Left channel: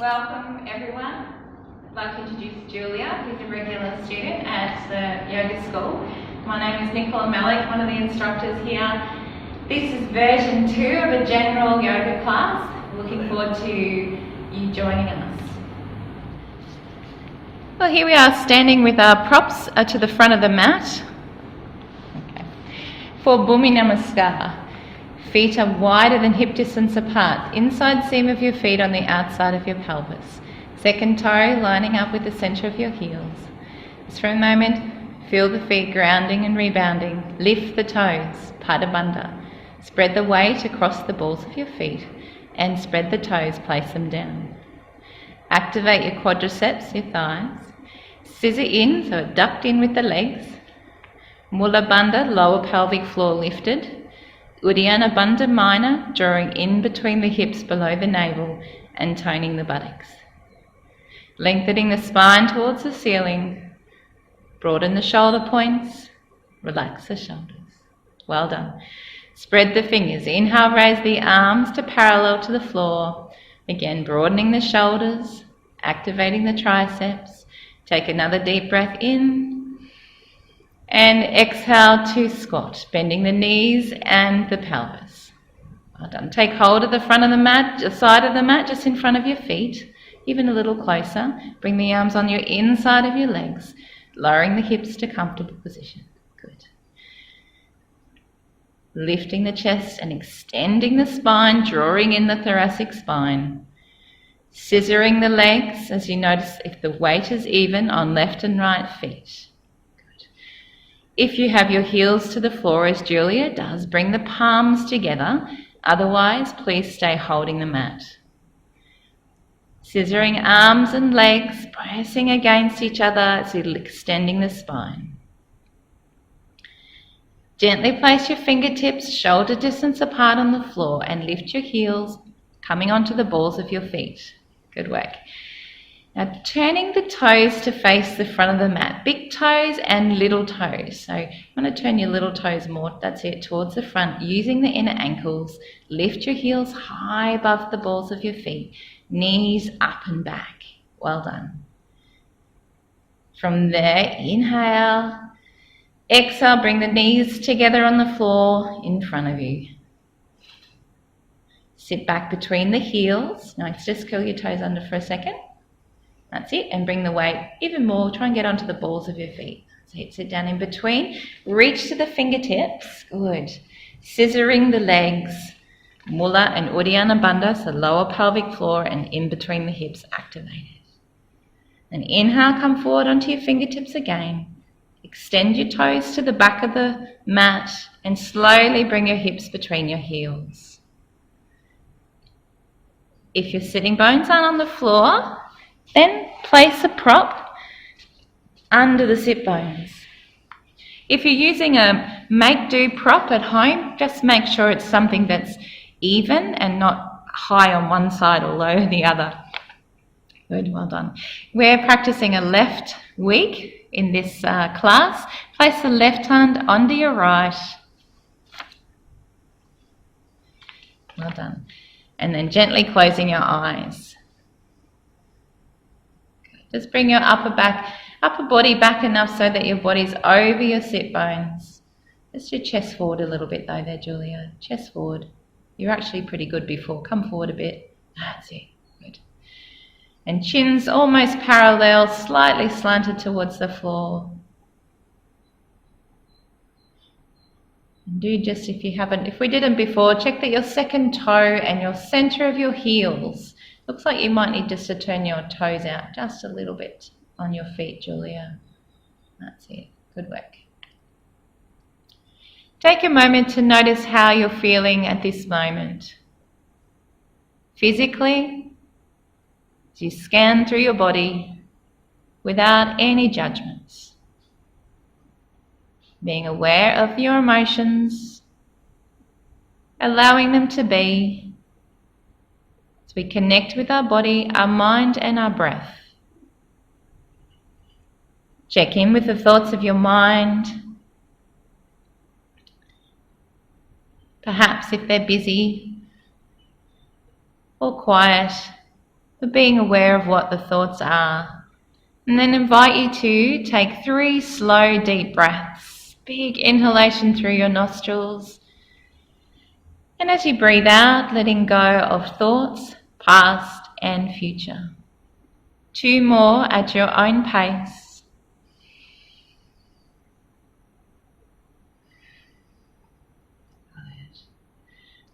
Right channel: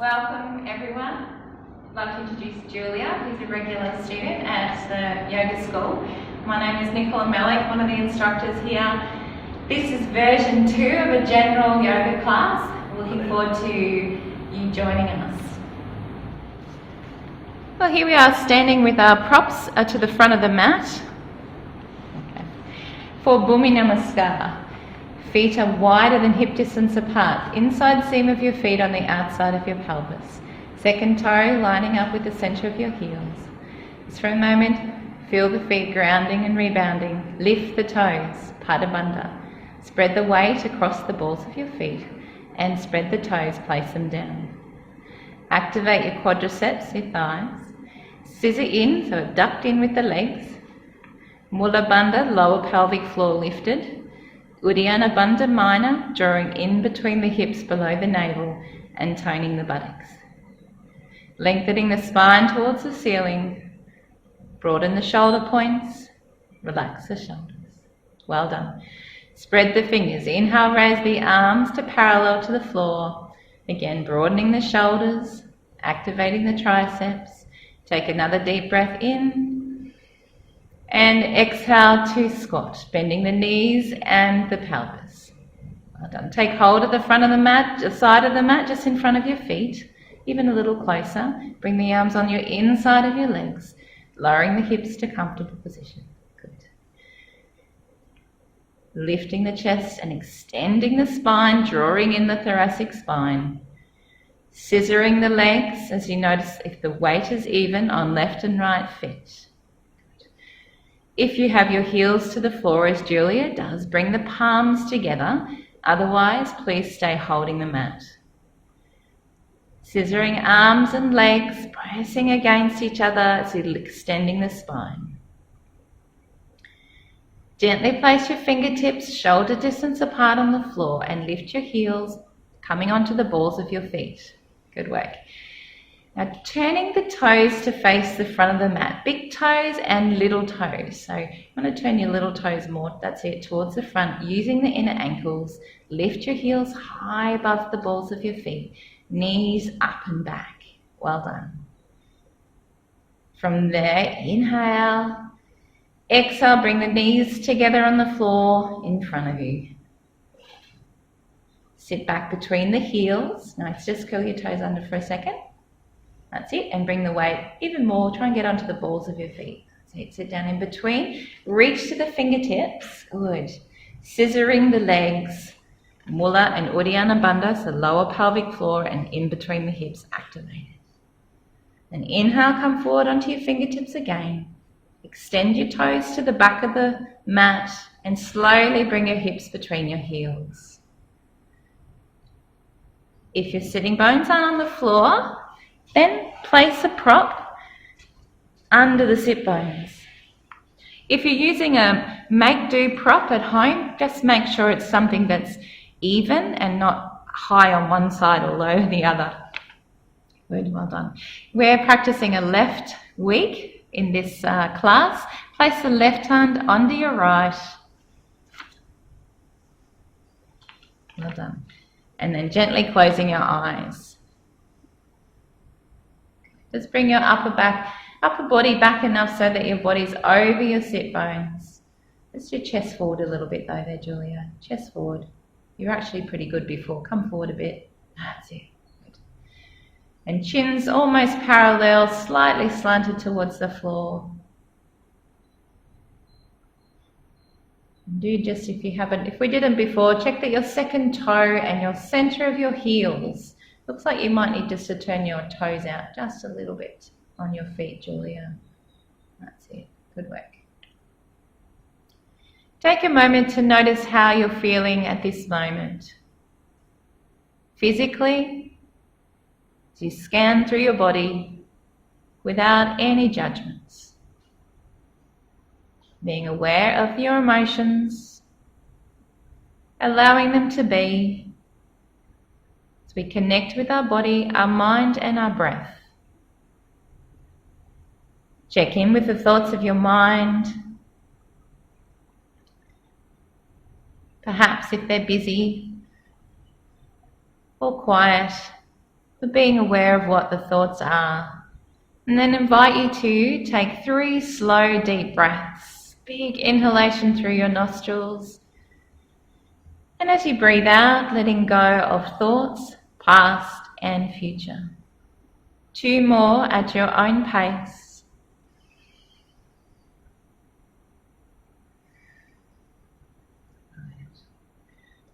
Welcome everyone. I'd like to introduce Julia, who's a regular student at the yoga school. My name is Nicola Mellick, one of the instructors here. This is version 2 of a general yoga class. Looking forward to you joining us. Well, here we are standing with our props to the front of the mat. Okay. For Bhumi Namaskar. Feet are wider than hip distance apart. Inside seam of your feet on the outside of your pelvis. Second toe lining up with the centre of your heels. Just for a moment, feel the feet grounding and rebounding. Lift the toes, Pada Bandha. Spread the weight across the balls of your feet and spread the toes, place them down. Activate your quadriceps, your thighs. Scissor in, so abduct in with the legs. Mula Bandha, lower pelvic floor lifted. Uddiyana Bandha Minor, drawing in between the hips below the navel and toning the buttocks. Lengthening the spine towards the ceiling. Broaden the shoulder points. Relax the shoulders. Well done. Spread the fingers. Inhale, raise the arms to parallel to the floor. Again, broadening the shoulders, activating the triceps. Take another deep breath in. And exhale to squat, bending the knees and the pelvis. Well done. Take hold of the front of the mat, the side of the mat, just in front of your feet, even a little closer. Bring the arms on your inside of your legs, lowering the hips to comfortable position. Good. Lifting the chest and extending the spine, drawing in the thoracic spine. Scissoring the legs as you notice if the weight is even on left and right feet. If you have your heels to the floor, as Julia does, bring the palms together. Otherwise, please stay holding the mat. Scissoring arms and legs, pressing against each other as you're extending the spine. Gently place your fingertips shoulder distance apart on the floor and lift your heels, coming onto the balls of your feet. Good work. Now turning the toes to face the front of the mat, big toes and little toes. So you want to turn your little toes more, that's it, towards the front, using the inner ankles. Lift your heels high above the balls of your feet, knees up and back. Well done. From there, inhale, exhale, bring the knees together on the floor in front of you. Sit back between the heels. Now just curl your toes under for a second. That's it, and bring the weight even more. Try and get onto the balls of your feet. So sit down in between. Reach to the fingertips. Good. Scissoring the legs. Mula and Uddiyana Bandha, so lower pelvic floor and in between the hips activated. Then inhale, come forward onto your fingertips again. Extend your toes to the back of the mat and slowly bring your hips between your heels. If your sitting bones aren't on the floor, then place a prop under the sit bones. If you're using a make-do prop at home, just make sure it's something that's even and not high on one side or low the other. Good, well done. We're practicing a left week in this class. Place the left hand under your right. Well done. And then gently closing your eyes. Just bring your upper body back enough so that your body's over your sit bones. Just your chest forward a little bit though there, Julia. Chest forward. You're actually pretty good before. Come forward a bit. That's it. Good. And chin's almost parallel, slightly slanted towards the floor. And do just if we didn't before, check that your second toe and your centre of your heels. Looks like you might need just to turn your toes out just a little bit on your feet, Julia. That's it. Good work. Take a moment to notice how you're feeling at this moment. Physically, as you scan through your body without any judgments. Being aware of your emotions, allowing them to be. As we connect with our body, our mind and our breath. Check in with the thoughts of your mind. Perhaps if they're busy or quiet, but being aware of what the thoughts are. And then invite you to take 3 slow, deep breaths. Big inhalation through your nostrils. And as you breathe out, letting go of thoughts, past and future. 2 more at your own pace.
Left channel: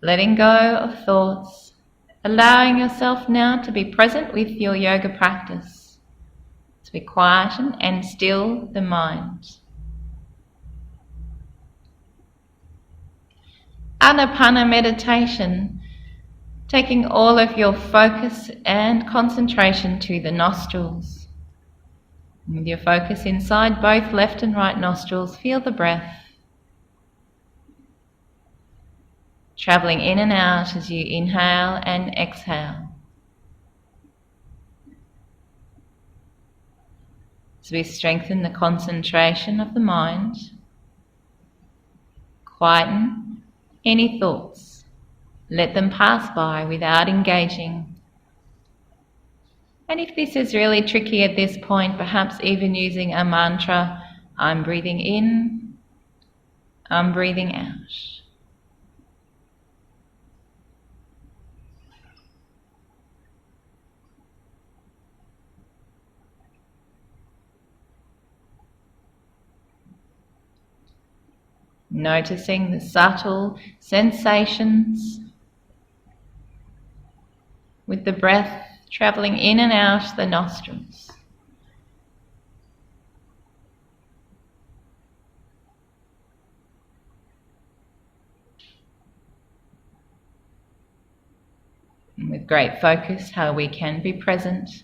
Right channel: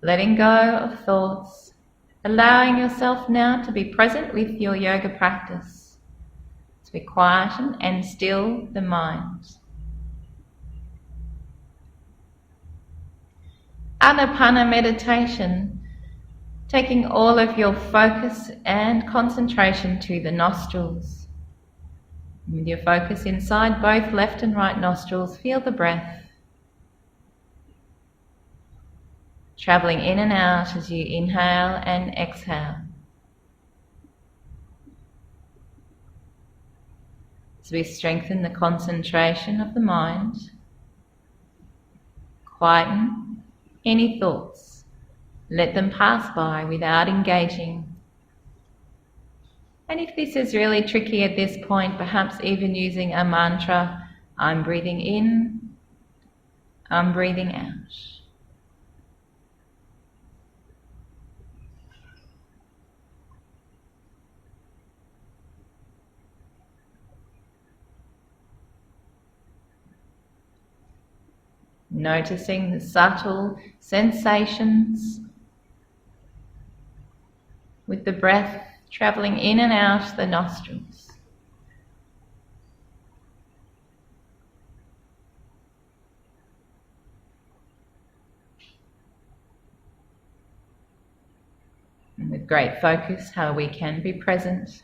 Letting go of thoughts, allowing yourself now to be present with your yoga practice, as we quieten and still the mind. Anapana meditation, taking all of your focus and concentration to the nostrils. With your focus inside both left and right nostrils, feel the breath travelling in and out as you inhale and exhale. As we strengthen the concentration of the mind, quieten any thoughts, let them pass by without engaging. And if this is really tricky at this point, perhaps even using a mantra, I'm breathing in, I'm breathing out. Noticing the subtle sensations with the breath travelling in and out the nostrils. And with great focus, how we can be present.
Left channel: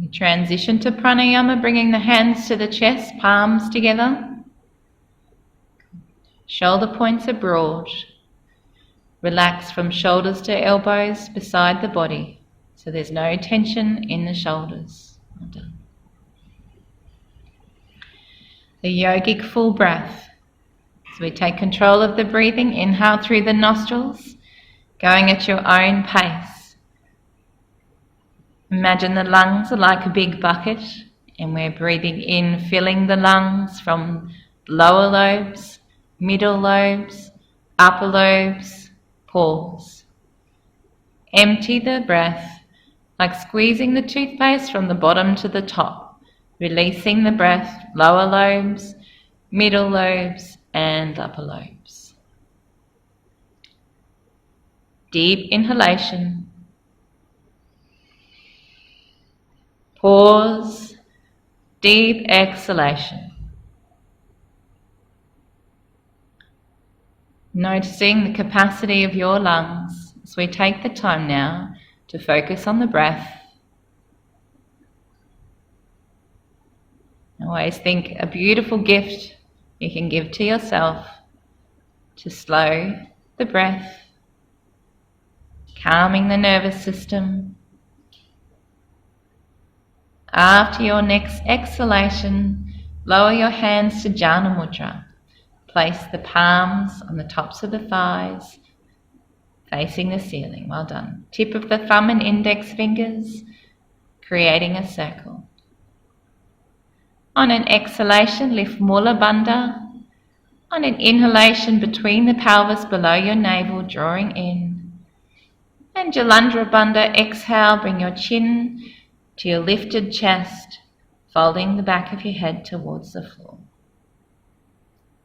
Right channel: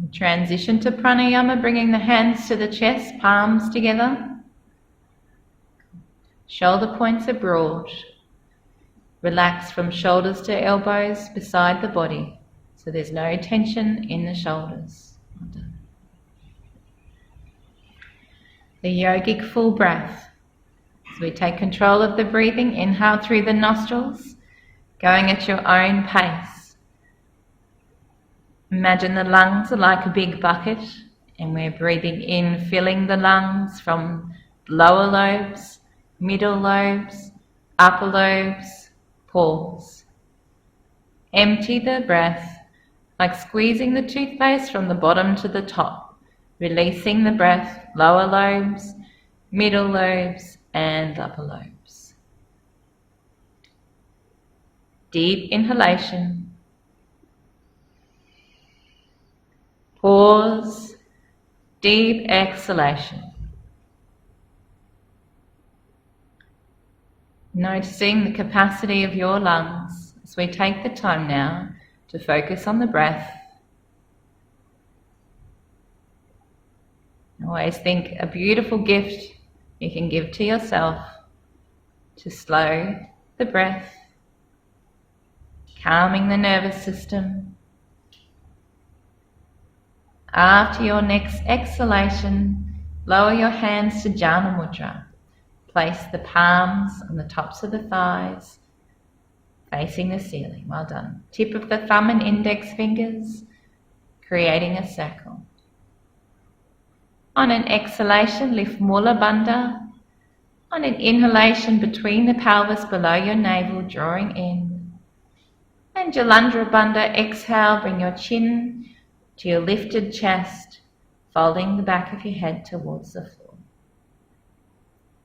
We transition to pranayama, bringing the hands to the chest, palms together. Shoulder points are broad. Relax from shoulders to elbows beside the body, so there's no tension in the shoulders. Well done. The yogic full breath. So we take control of the breathing, inhale through the nostrils, going at your own pace. Imagine the lungs are like a big bucket, and we're breathing in, filling the lungs from lower lobes, middle lobes, upper lobes. Pause. Empty the breath, like squeezing the toothpaste from the bottom to the top, releasing the breath, lower lobes, middle lobes, and upper lobes. Deep inhalation. Pause, deep exhalation. Noticing the capacity of your lungs as we take the time now to focus on the breath. Always think a beautiful gift you can give to yourself to slow the breath, calming the nervous system. After your next exhalation, lower your hands to Jhana Mudra. Place the palms on the tops of the thighs, facing the ceiling. Well done. Tip of the thumb and index fingers, creating a circle. On an exhalation, lift Mula Bandha. On an inhalation, between the pelvis below your navel, drawing in. And Jalandhara Bandha, exhale, bring your chin to your lifted chest, folding the back of your head towards the floor.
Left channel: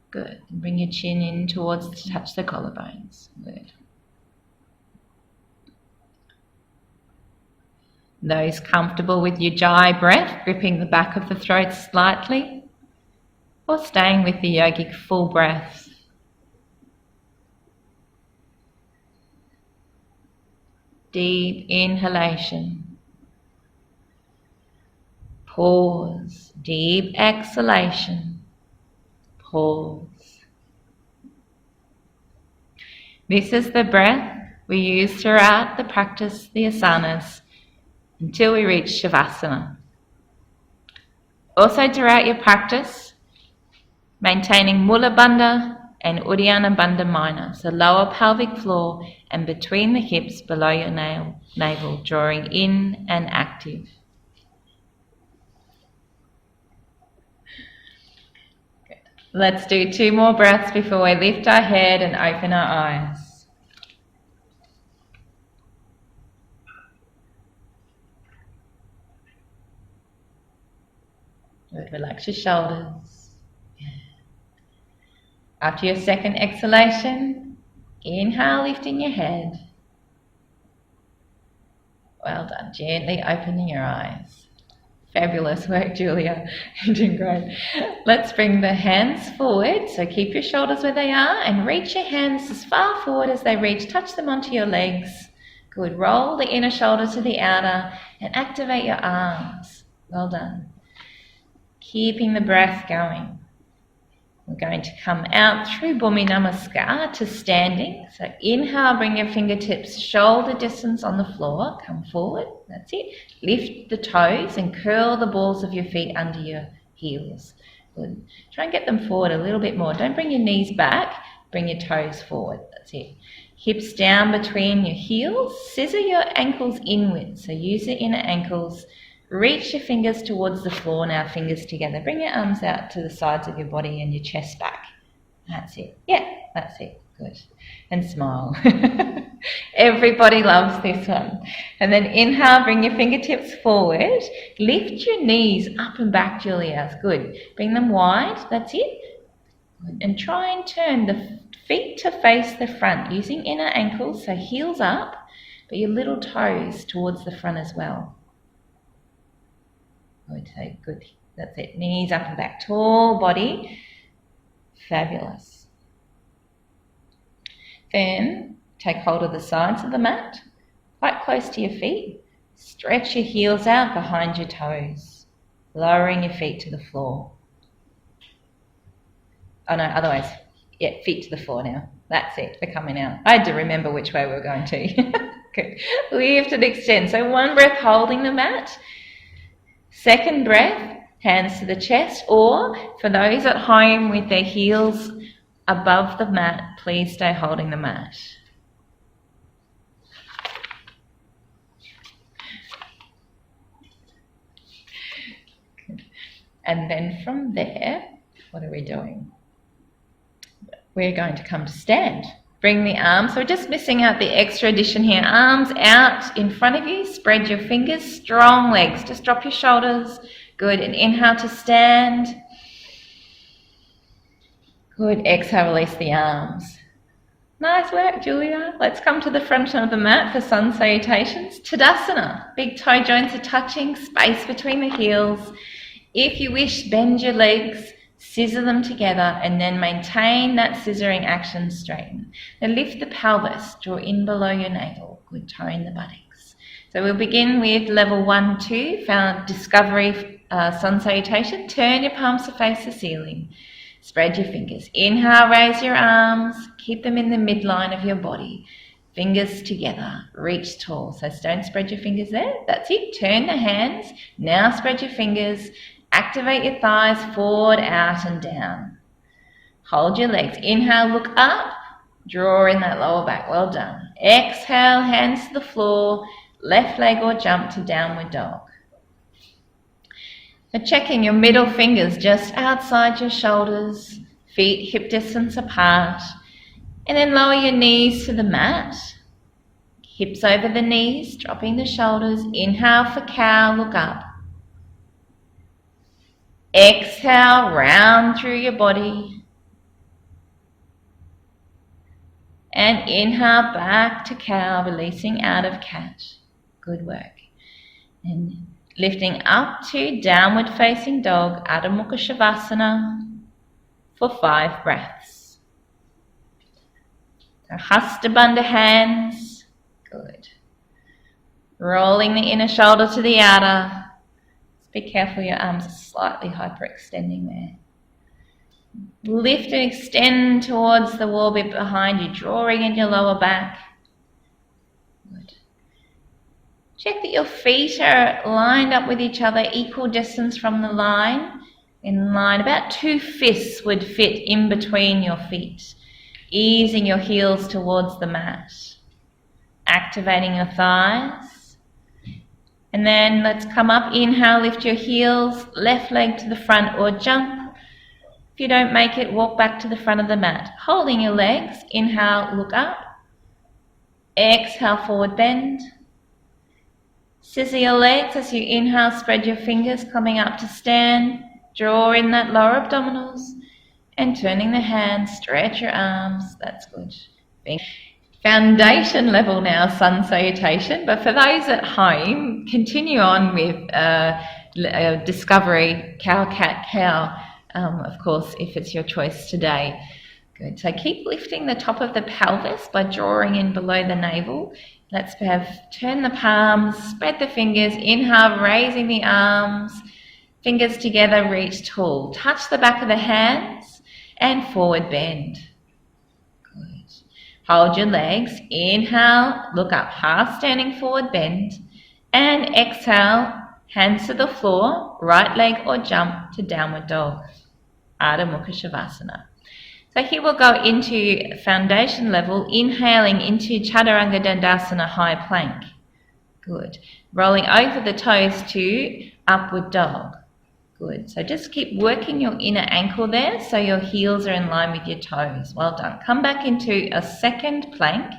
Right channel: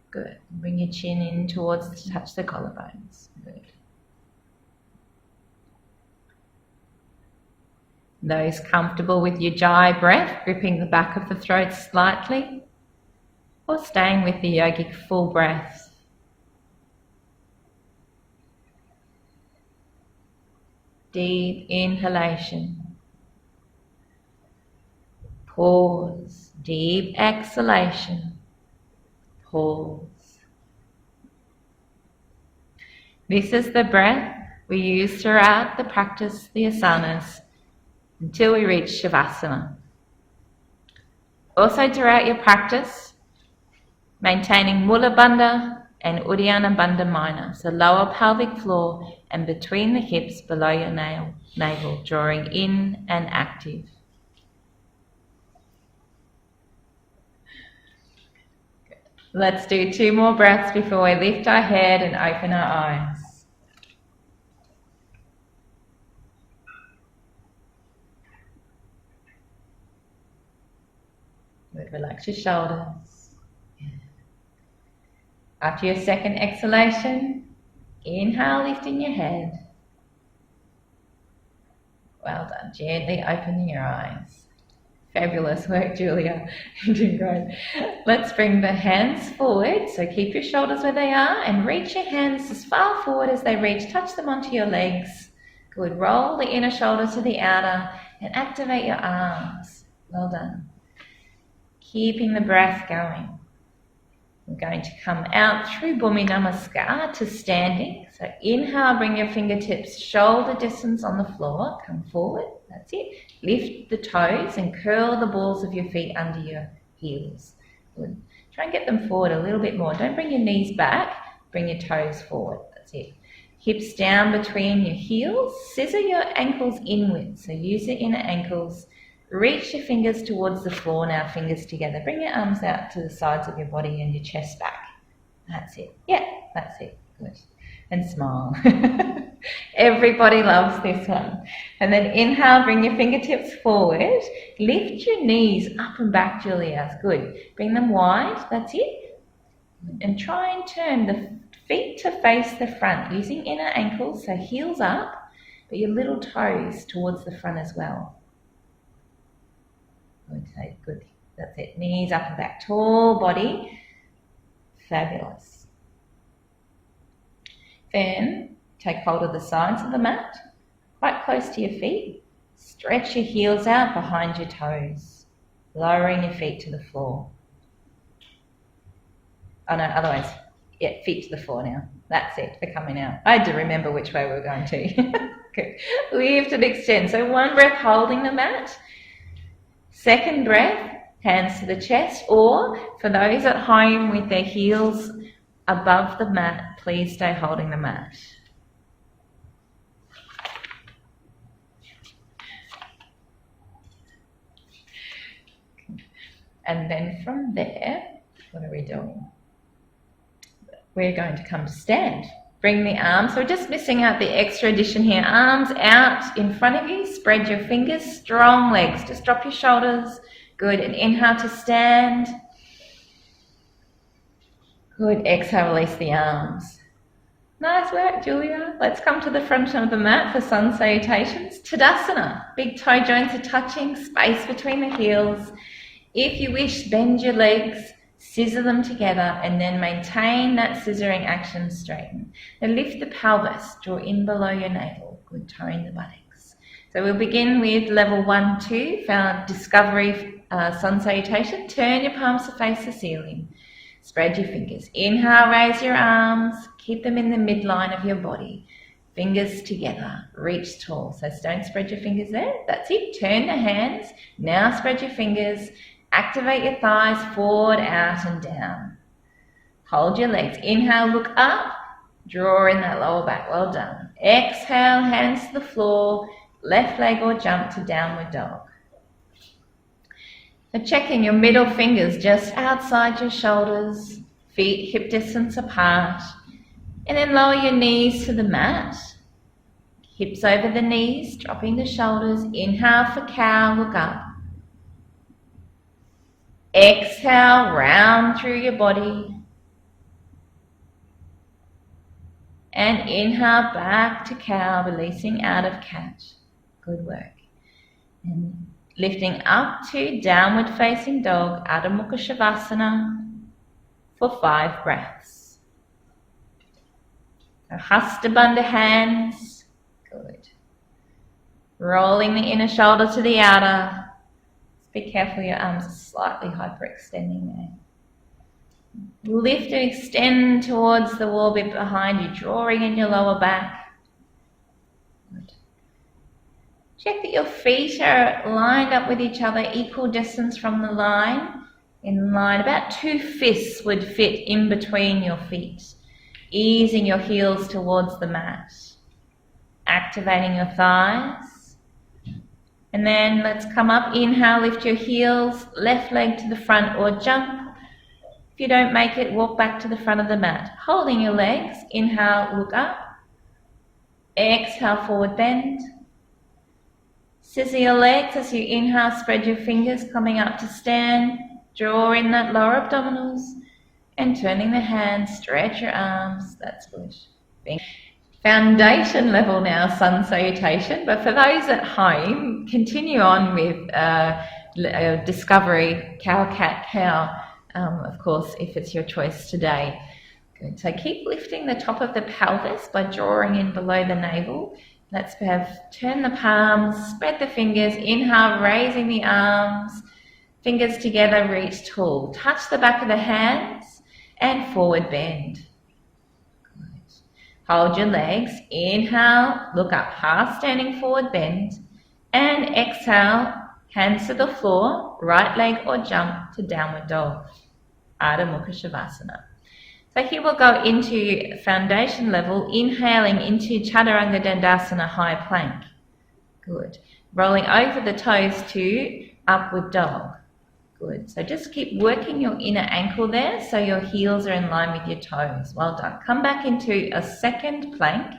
Good. Bring your chin in towards to touch the collarbones. Good. Those comfortable with Ujjayi breath, gripping the back of the throat slightly, or staying with the yogic full breath. Deep inhalation. Pause. Deep exhalation. Pause. This is the breath we use throughout the practice, the asanas, until we reach Shavasana. Also throughout your practice, maintaining Mula Bandha, and Uddiyana Bandha Minor, so lower pelvic floor and between the hips below your navel, drawing in and active. Good. Let's do 2 more breaths before we lift our head and open our eyes. Good. Relax your shoulders. After your second exhalation, inhale, lifting your head. Well done. Gently opening your eyes. Fabulous work, Julia. You're doing great. Let's bring the hands forward. So keep your shoulders where they are and reach your hands as far forward as they reach. Touch them onto your legs. Good. Roll the inner shoulder to the outer and activate your arms. Well done. Keeping the breath going. We're going to come out through Bhumi Namaskar to standing. So inhale, bring your fingertips shoulder distance on the floor. Come forward. That's it. Lift the toes and curl the balls of your feet under your heels. Good. Try and get them forward a little bit more. Don't bring your knees back. Bring your toes forward. That's it. Hips down between your heels. Scissor your ankles inward. So use your inner ankles. Reach your fingers towards the floor now, fingers together. Bring your arms out to the sides of your body and your chest back. That's it. Yeah, that's it. Good. And smile. Everybody loves this one. And then inhale, bring your fingertips forward. Lift your knees up and back, Julia. Good. Bring them wide. That's it. Good. And try and turn the feet to face the front using inner ankles, so heels up, but your little toes towards the front as well. Good. That's it. Knees up and back. Tall body. Fabulous. Then take hold of the sides of the mat, quite close to your feet. Stretch your heels out behind your toes, lowering your feet to the floor. Oh no, otherwise, yeah, feet to the floor now. That's it. We're coming out. I had to remember which way we were going to. Good. Lift and extend. So 1 breath holding the mat. Second breath, hands to the chest, or for those at home with their heels above the mat, please stay holding the mat. And then from there, what are we doing? We're going to come to stand. Bring the arms, so we're just missing out the extra addition here. Arms out in front of you, spread your fingers, strong legs. Just drop your shoulders. Good, and inhale to stand. Good, exhale, release the arms. Nice work, Julia. Let's come to the front of the mat for sun salutations. Tadasana, big toe joints are touching, space between the heels. If you wish, bend your legs, scissor them together, and then maintain that scissoring action, straighten. Then lift the pelvis, draw in below your navel. Good, toe in the buttocks. So we'll begin with level 1, 2 for our discovery sun salutation. Turn your palms to face the ceiling. Spread your fingers. Inhale, raise your arms. Keep them in the midline of your body. Fingers together. Reach tall. So don't spread your fingers there. That's it. Turn the hands. Now spread your fingers. Activate your thighs forward, out and down. Hold your legs. Inhale, look up. Draw in that lower back. Well done. Exhale, hands to the floor. Left leg or jump to downward dog. Now checking your middle fingers just outside your shoulders. Feet hip distance apart. And then lower your knees to the mat. Hips over the knees, dropping the shoulders. Inhale for cow, look up. Exhale, round through your body. And inhale back to cow, releasing out of cat. Good work. And lifting up to downward facing dog, Adho Mukha Shavasana, for 5 breaths. So Hasta Bandha hands. Good. Rolling the inner shoulder to the outer. Be careful, your arms are slightly hyperextending there. Lift and extend towards the wall bit behind you, drawing in your lower back. Good. Check that your feet are lined up with each other, equal distance from the line. In line, about 2 fists would fit in between your feet, easing your heels towards the mat, activating your thighs. And then let's come up, inhale, lift your heels, left leg to the front or jump. If you don't make it, walk back to the front of the mat, holding your legs. Inhale, look up. Exhale, forward bend. Scissor your legs as you inhale, spread your fingers, coming up to stand. Draw in that lower abdominals and turning the hands, stretch your arms. That's good. Foundation level now, sun salutation. But for those at home, continue on with discovery, cow, cat, cow, of course, if it's your choice today. Good. So keep lifting the top of the pelvis by drawing in below the navel. Let's turn the palms, spread the fingers. Inhale, raising the arms. Fingers together, reach tall. Touch the back of the hands and forward bend. Good. Hold your legs. Inhale, look up, half standing forward bend. And exhale, hands to the floor, right leg or jump to downward dog. Ardha Mukha Shavasana. So here we'll go into foundation level, inhaling into Chaturanga Dandasana, high plank. Good. Rolling over the toes to upward dog. Good. So just keep working your inner ankle there so your heels are in line with your toes. Well done. Come back into a second plank.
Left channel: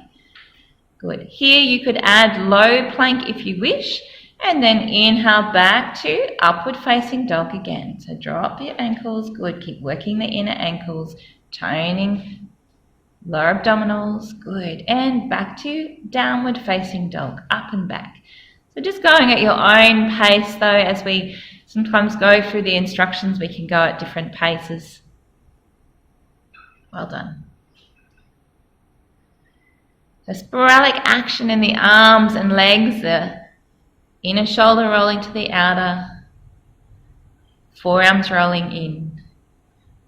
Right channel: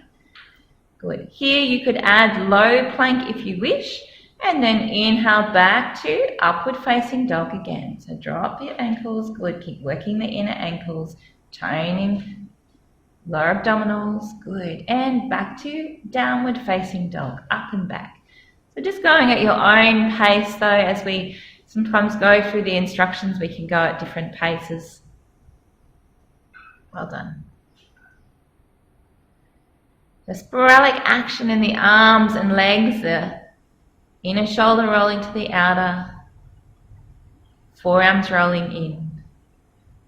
Good. Here you could add low plank if you wish, and then inhale back to upward facing dog again. So drop your ankles. Good. Keep working the inner ankles, toning lower abdominals. Good. And back to downward facing dog, up and back. So just going at your own pace though, as we sometimes go through the instructions, we can go at different paces. Well done. So sporadic action in the arms and legs, the inner shoulder rolling to the outer, forearms rolling in.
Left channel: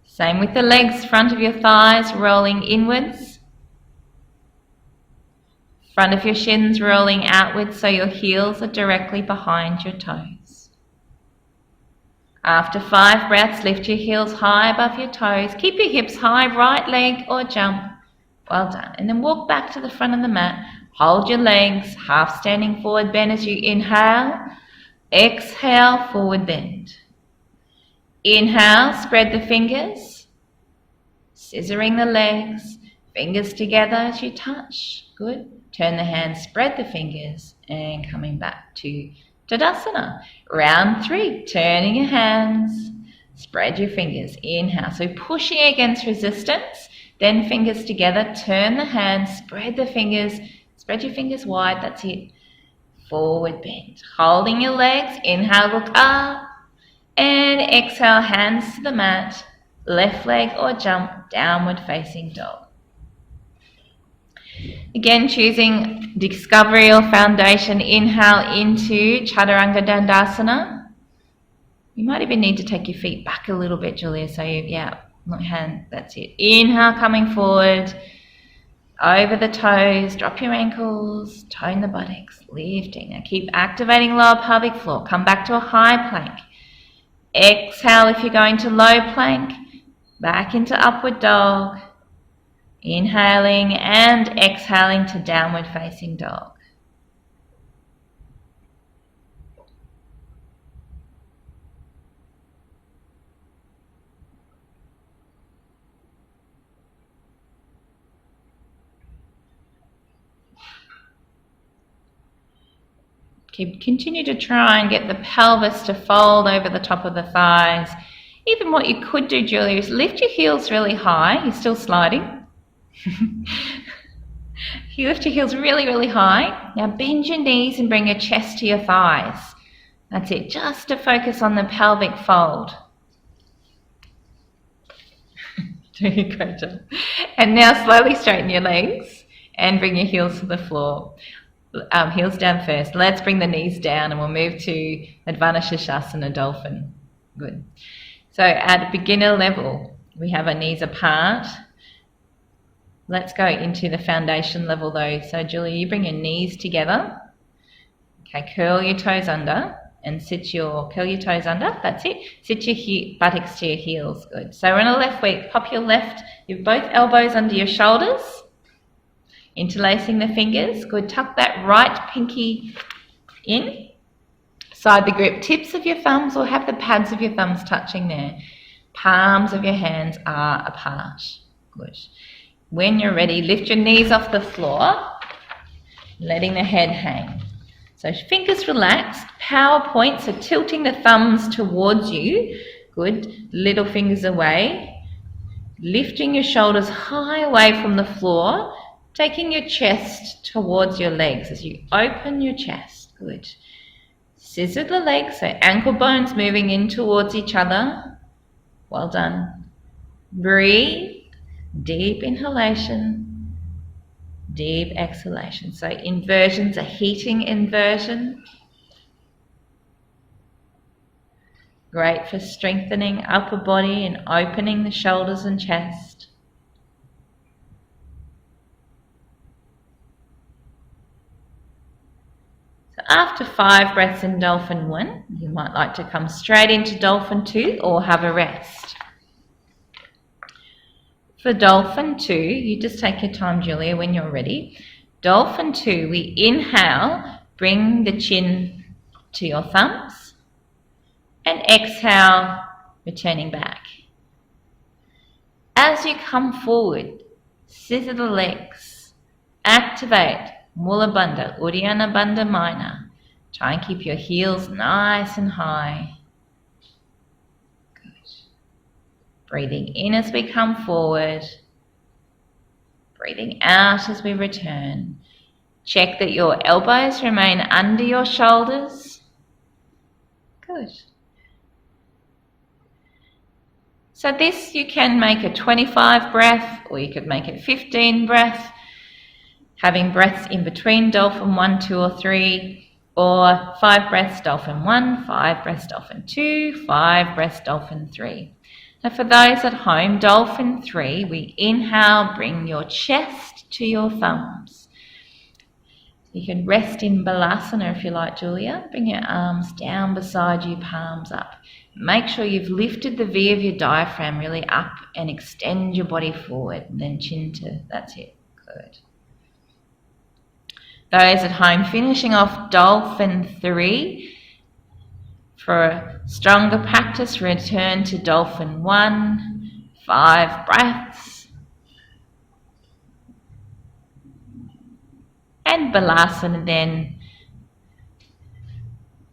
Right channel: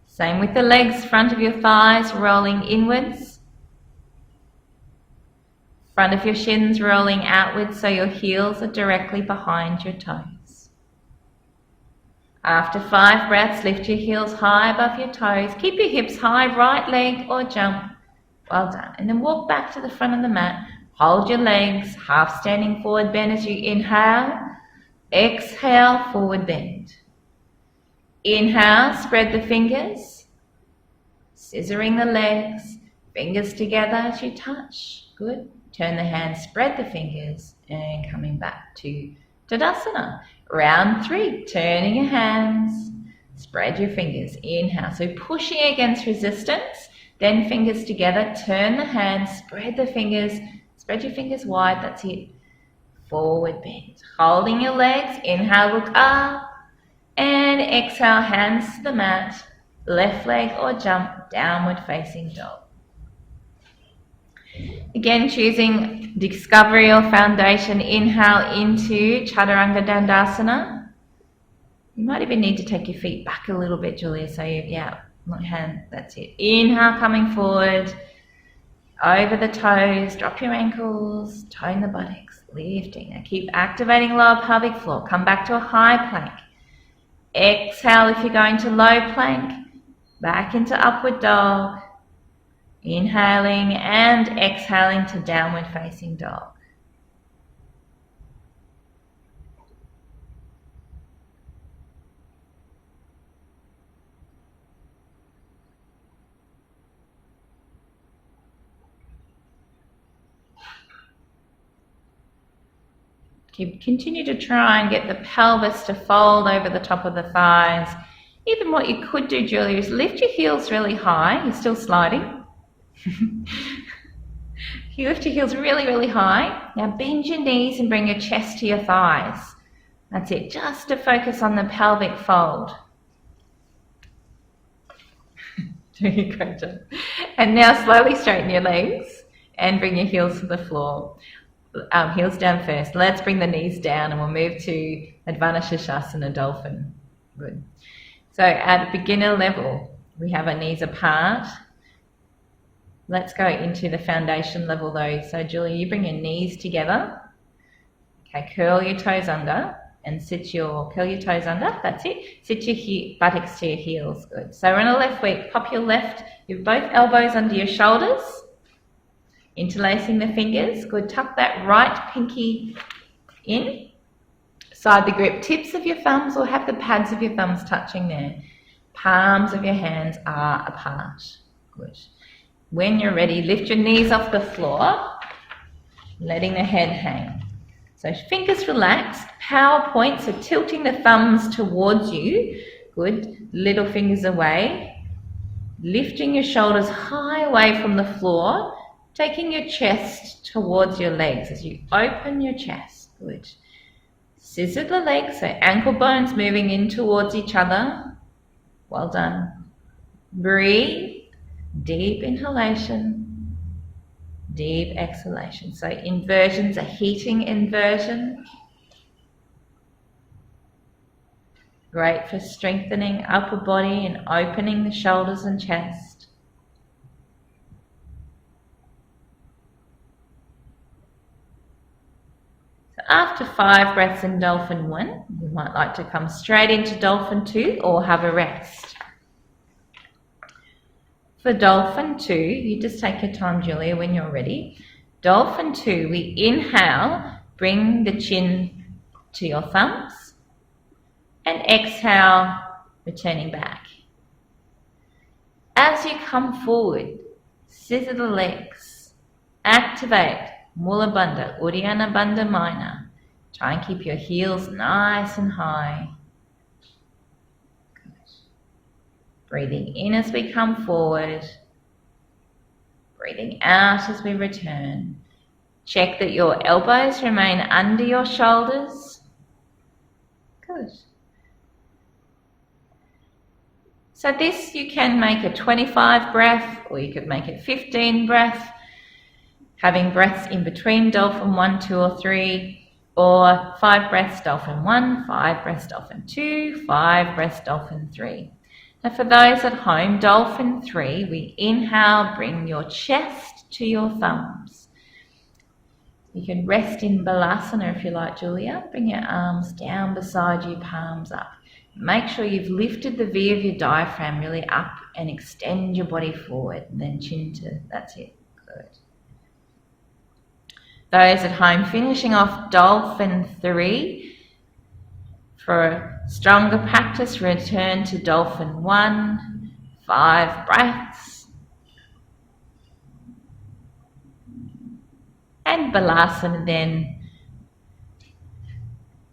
Same with the legs, front of your thighs rolling inwards, front of your shins rolling outwards so your heels are directly behind your toes. After 5 breaths, lift your heels high above your toes. Keep your hips high, right leg or jump. Well done. And then walk back to the front of the mat. Hold your legs, half standing forward bend as you inhale. Exhale, forward bend. Inhale, spread the fingers. Scissoring the legs. Fingers together as you touch. Good. Turn the hands, spread the fingers, and coming back to Tadasana. Round 3, turning your hands, spread your fingers. Inhale, so pushing against resistance, then fingers together, turn the hands, spread the fingers, spread your fingers wide, that's it. Forward bend. Holding your legs, inhale, look up, and exhale, hands to the mat, left leg or jump, downward facing dog. Again, choosing discovery or foundation, inhale into Chaturanga Dandasana. You might even need to take your feet back a little bit, Julia. So hand, that's it. Inhale, coming forward, over the toes, drop your ankles, tone the buttocks, lifting. Now keep activating lower pelvic floor. Come back to a high plank. Exhale if you're going to low plank, back into upward dog. Inhaling and exhaling to downward facing dog. Continue to try and get the pelvis to fold over the top of the thighs. Even what you could do, Julia, is lift your heels really high. You're still sliding. You lift your heels really, really high. Now bend your knees and bring your chest to your thighs. That's it, just to focus on the pelvic fold. Doing a great job. And now slowly straighten your legs and bring your heels to the floor. Heels down first. Let's bring the knees down and we'll move to Advana Shashasana, Dolphin. Good. So at beginner level, we have our knees apart. Let's go into the foundation level though. So Julia, you bring your knees together. Okay, curl your toes under. and curl your toes under, that's it. Sit your buttocks to your heels, good. So we're on the left week, pop your both elbows under your shoulders, interlacing the fingers, good. Tuck that right pinky in, side the grip, tips of your thumbs or have the pads of your thumbs touching there. Palms of your hands are apart, good. When you're ready, lift your knees off the floor, letting the head hang. So fingers relaxed, power points, so tilting the thumbs towards you, good, little fingers away, lifting your shoulders high away from the floor, taking your chest towards your legs as you open your chest, good. Scissor the legs, so ankle bones moving in towards each other, well done. Breathe, deep inhalation, deep exhalation. So inversions, a heating inversion. Great for strengthening upper body and opening the shoulders and chest. So after 5 breaths in Dolphin 1, you might like to come straight into Dolphin 2 or have a rest. For Dolphin 2, you just take your time, Julia, when you're ready. Dolphin 2, we inhale, bring the chin to your thumbs, and exhale, returning back. As you come forward, scissor the legs, activate Mula Bandha, Uddiyana Bandha Minor. Try and keep your heels nice and high. Breathing in as we come forward, breathing out as we return. Check that your elbows remain under your shoulders. Good. So this you can make a 25 breath or you could make it 15 breath, having breaths in between Dolphin 1, 2 or 3, or 5 breaths Dolphin 1, 5 breaths Dolphin 2, 5 breaths Dolphin 3. Now for those at home, Dolphin 3, we inhale, bring your chest to your thumbs. You can rest in Balasana if you like, Julia. Bring your arms down beside you, palms up. Make sure you've lifted the V of your diaphragm really up and extend your body forward. And then chin to, that's it, good. Those at home, finishing off Dolphin 3. For a stronger practice, return to Dolphin 1, 5 breaths. And Balasana then,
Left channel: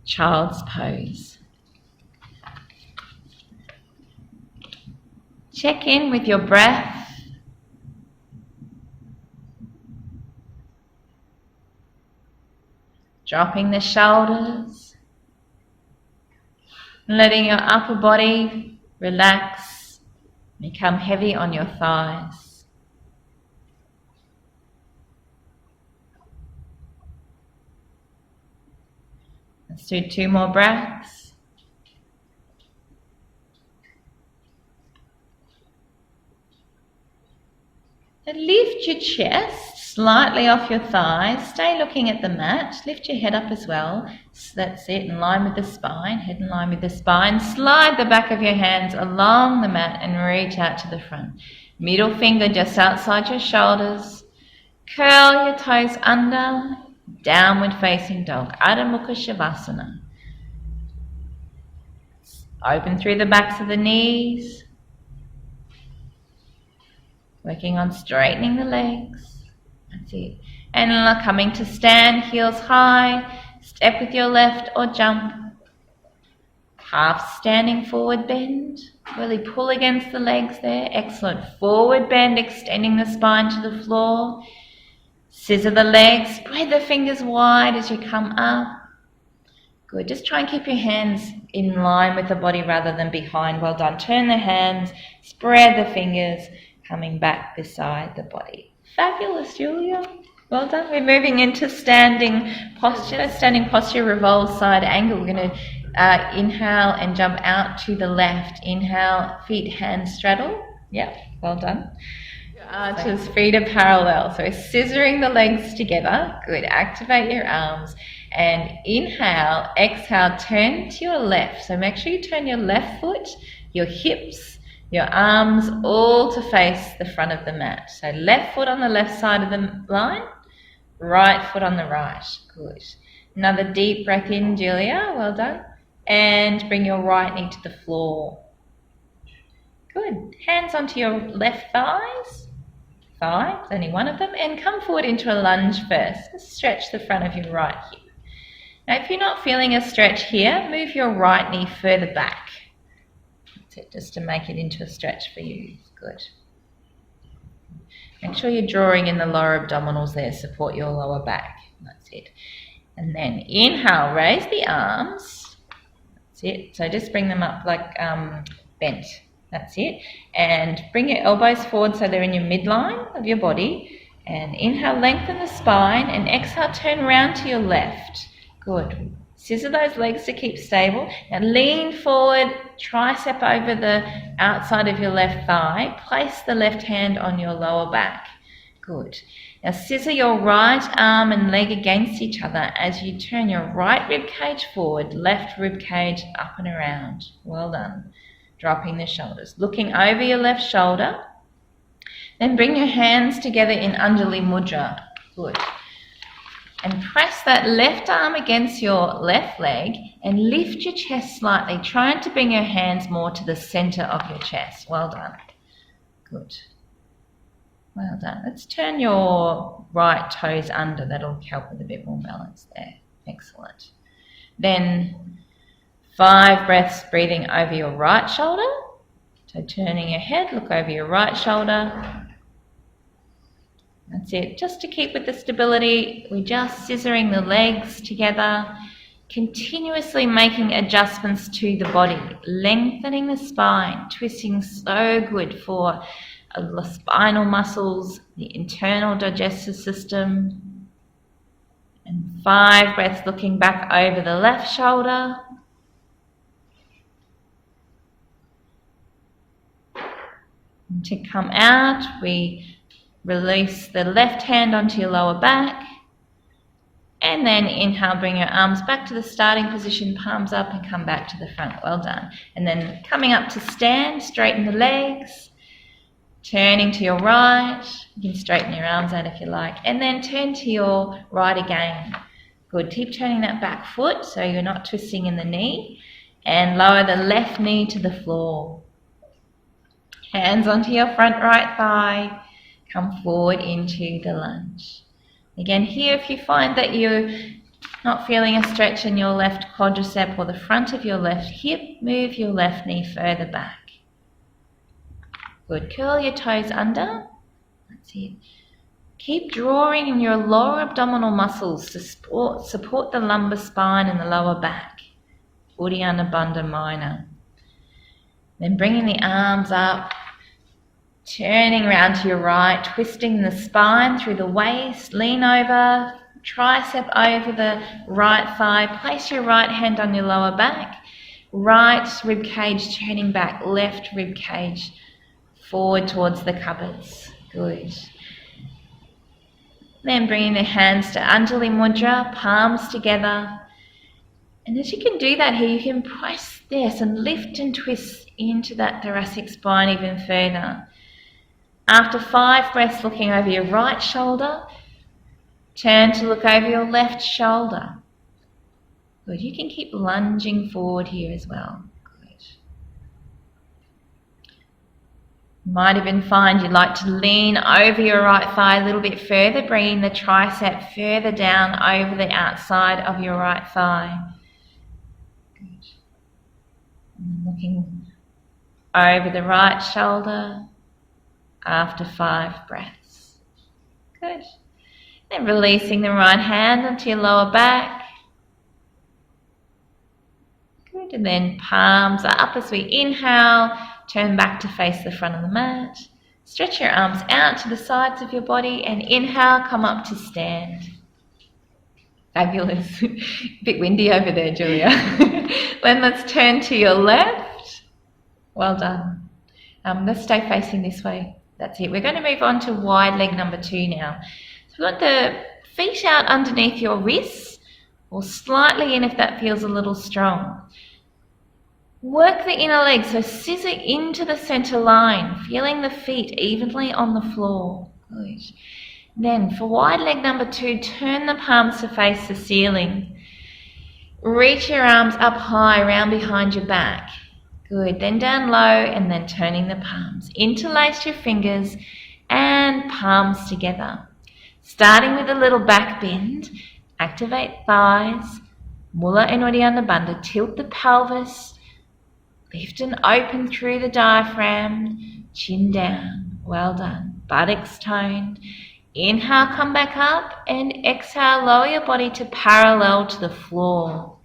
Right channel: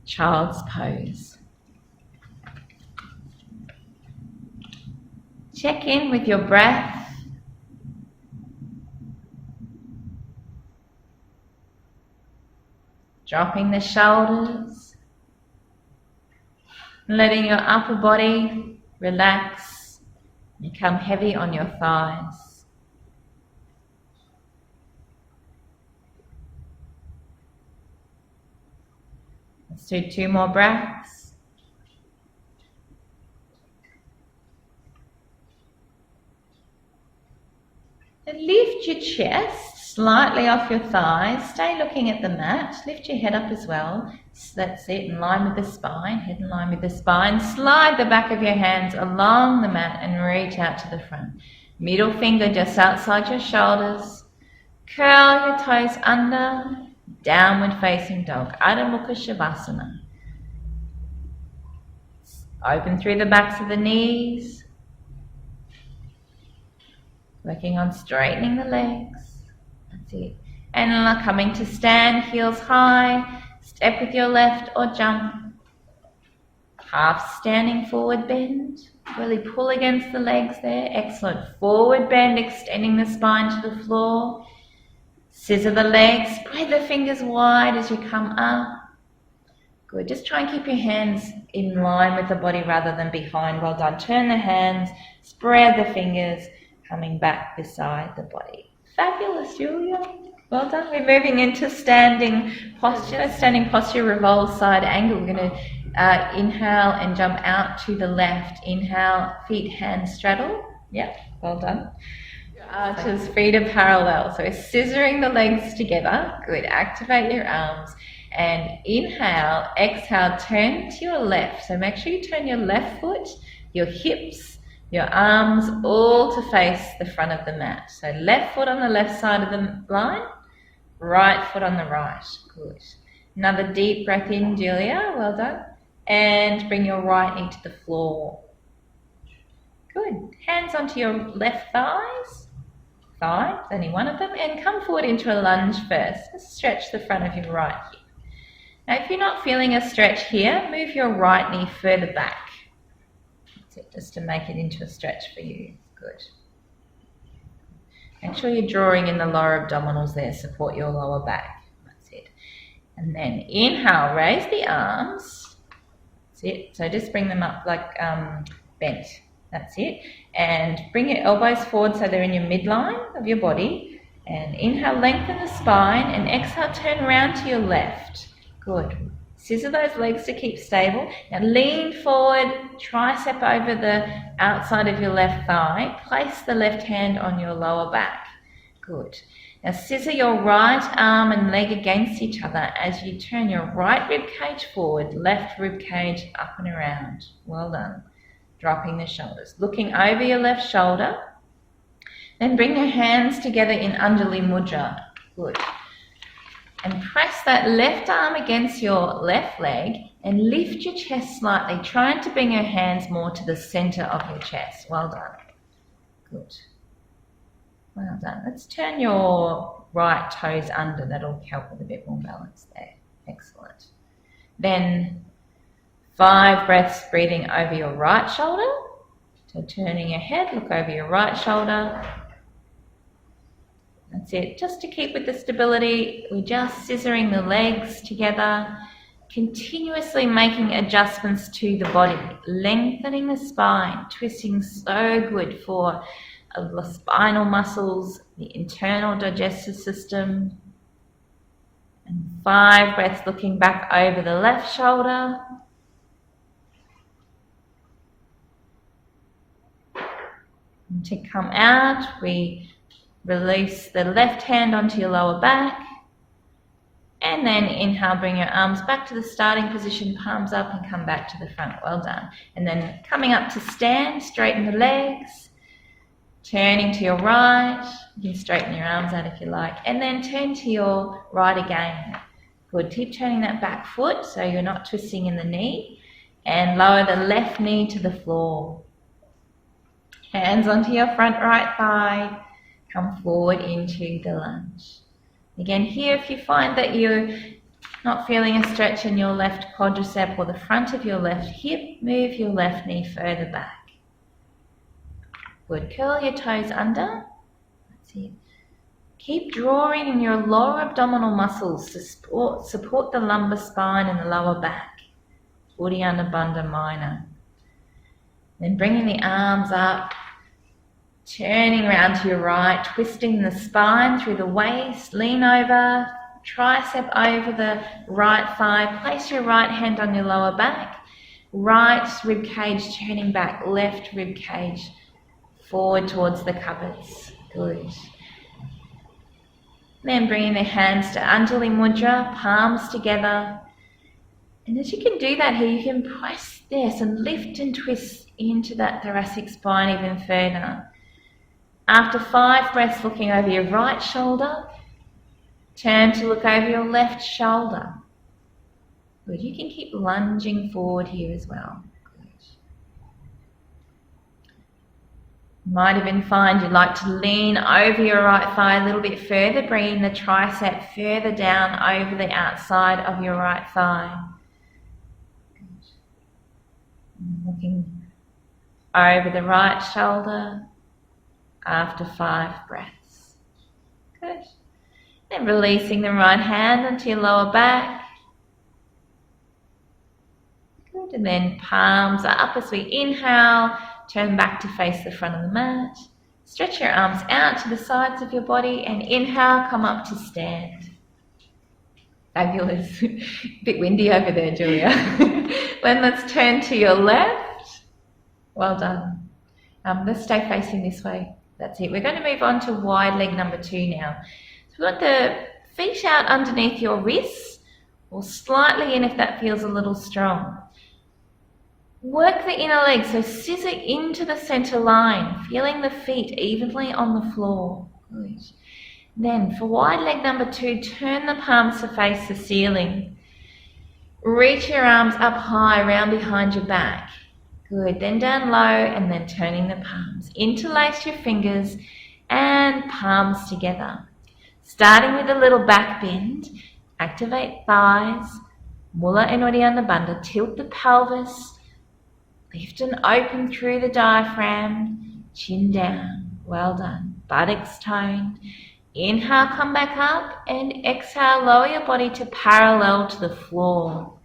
child's pose. Check in with your breath. Dropping the shoulders. Letting your upper body relax, become heavy on your thighs. Let's do 2 more breaths. And lift your chest slightly off your thighs. Stay looking at the mat. Lift your head up as well. So that's it, in line with the spine. Head in line with the spine. Slide the back of your hands along the mat and reach out to the front. Middle finger just outside your shoulders. Curl your toes under. Downward facing dog. Adho Mukha Shavasana. Open through the backs of the knees. Working on straightening the legs. That's it. And coming to stand, heels high. Step with your left or jump. Half standing forward bend. Really pull against the legs there. Excellent. Forward bend, extending the spine to the floor. Scissor the legs. Spread the fingers wide as you come up. Good. Just try and keep your hands in line with the body rather than behind. Well done. Turn the hands. Spread the fingers. Coming back beside the body. Fabulous, Julia. Well done. We're moving into standing posture. Standing posture revolves side angle. We're going to inhale and jump out to the left. Inhale, feet, hands straddle. Yep, well done. Arches, feet are parallel. So we're scissoring the legs together. Good. Activate your arms. And inhale, exhale, turn to your left. So make sure you turn your left foot, your hips, your arms all to face the front of the mat. So left foot on the left side of the line, right foot on the right. Good. Another deep breath in, Julia. Well done. And bring your right knee to the floor. Good. Hands onto your left thighs. Only one of them. And come forward into a lunge first. Just stretch the front of your right hip. Now, if you're not feeling a stretch here, move your right knee further back. That's it, just to make it into a stretch for you. Good. Make sure you're drawing in the lower abdominals there. Support your lower back. That's it. And then inhale, raise the arms. That's it. So just bring them up like bent. That's it. And bring your elbows forward so they're in your midline of your body. And inhale, lengthen the spine. And exhale, turn around to your left. Good. Scissor those legs to keep stable. Now lean forward, tricep over the outside of your left thigh. Place the left hand on your lower back. Good. Now scissor your right arm and leg against each other as you turn your right rib cage forward, left rib cage up and around. Well done. Dropping the shoulders. Looking over your left shoulder. Then bring your hands together in Anjali Mudra. Good. And press that left arm against your left leg and lift your chest slightly, trying to bring your hands more to the center of your chest. Well done. Good. Well done. Let's turn your right toes under. That'll help with a bit more balance there. Excellent. Then 5 breaths breathing over your right shoulder. So turning your head, look over your right shoulder. That's it. Just to keep with the stability, we're just scissoring the legs together, continuously making adjustments to the body, lengthening the spine, twisting so good for the spinal muscles, the internal digestive system. And 5 breaths looking back over the left shoulder. And to come out, we release the left hand onto your lower back. And then inhale, bring your arms back to the starting position, palms up and come back to the front. Well done. And then coming up to stand, straighten the legs. Turning to your right. You can straighten your arms out if you like. And then turn to your right again. Good. Keep turning that back foot so you're not twisting in the knee. And lower the left knee to the floor. Hands onto your front right thigh. Come forward into the lunge. Again, here if you find that you're not feeling a stretch in your left quadricep or the front of your left hip, move your left knee further back. Good. Curl your toes under. That's it. Keep drawing in your lower abdominal muscles to support the lumbar spine and the lower back. Uddiyana Bandha Minor. Then bringing the arms up. Turning around to your right, twisting the spine through the waist, lean over, tricep over the right thigh, place your right hand on your lower back, right rib cage turning back, left rib cage forward towards the cupboards. Good. Then bringing the hands to Anjali Mudra, palms together. And as you can do that here, you can press this and lift and twist into that thoracic spine even further. After 5 breaths, looking over your right shoulder, turn to look over your left shoulder. Good. You can keep lunging forward here as well. Good. You might even find you'd like to lean over your right thigh a little bit further, bringing the tricep further down over the outside of your right thigh. Good. And looking over the right shoulder. After 5 breaths. Good. And releasing the right hand onto your lower back. Good. And then palms up as we inhale. Turn back to face the front of the mat. Stretch your arms out to the sides of your body and inhale, come up to stand. Fabulous. Bit windy over there, Julia. Then let's turn to your left. Well done. Let's stay facing this way. That's it. We're going to move on to wide leg number 2 now. So we've got the feet out underneath your wrists. or slightly in if that feels a little strong. Work the inner leg, so scissor into the center line, feeling the feet evenly on the floor. Good. Then for wide leg number 2, turn the palms to face the ceiling. Reach your arms up high, round behind your back. Good. Then down low and then turning the palms. Interlace your fingers and palms together. Starting with a little back bend, activate thighs, mula and uddiyana bandha, tilt the pelvis, lift and open through the diaphragm, chin down, well done. Buttocks toned. Inhale, come back up, and exhale, lower your body to parallel to the floor.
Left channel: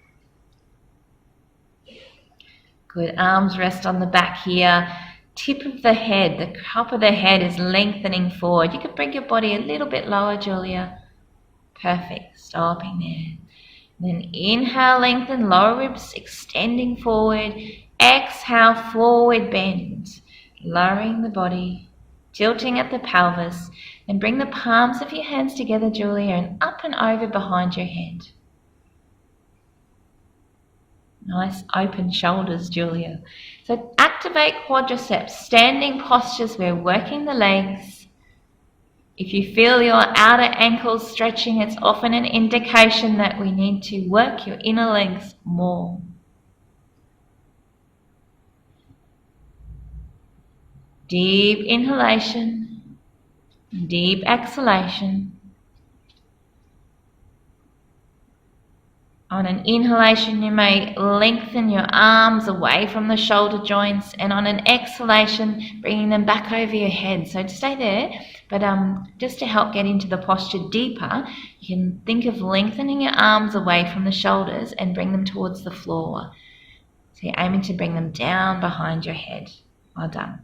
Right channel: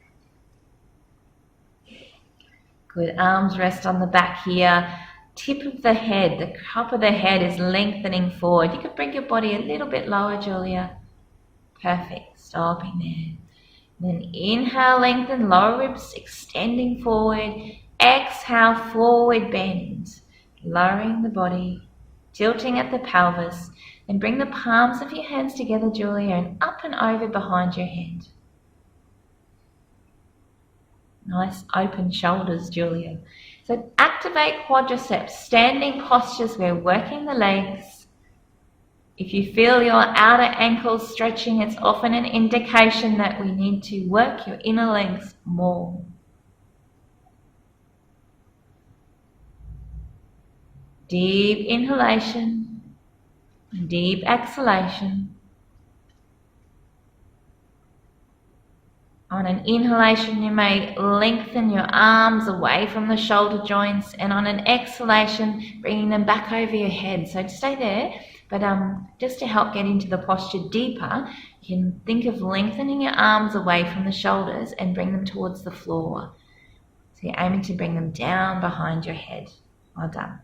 Good, arms rest on the back here. Tip of the head, the cup of the head is lengthening forward. You can bring your body a little bit lower, Julia. Perfect, stopping there. Then inhale, lengthen, lower ribs extending forward. Exhale, forward bend, lowering the body, tilting at the pelvis. Then bring the palms of your hands together, Julia, and up and over behind your head. Nice open shoulders, Julia. So activate quadriceps, standing postures. We're working the legs. If you feel your outer ankles stretching, it's often an indication that we need to work your inner legs more. Deep inhalation, deep exhalation. On an inhalation, you may lengthen your arms away from the shoulder joints, and on an exhalation, bringing them back over your head. So stay there, but just to help get into the posture deeper, you can think of lengthening your arms away from the shoulders and bring them towards the floor. So you're aiming to bring them down behind your head. Well done.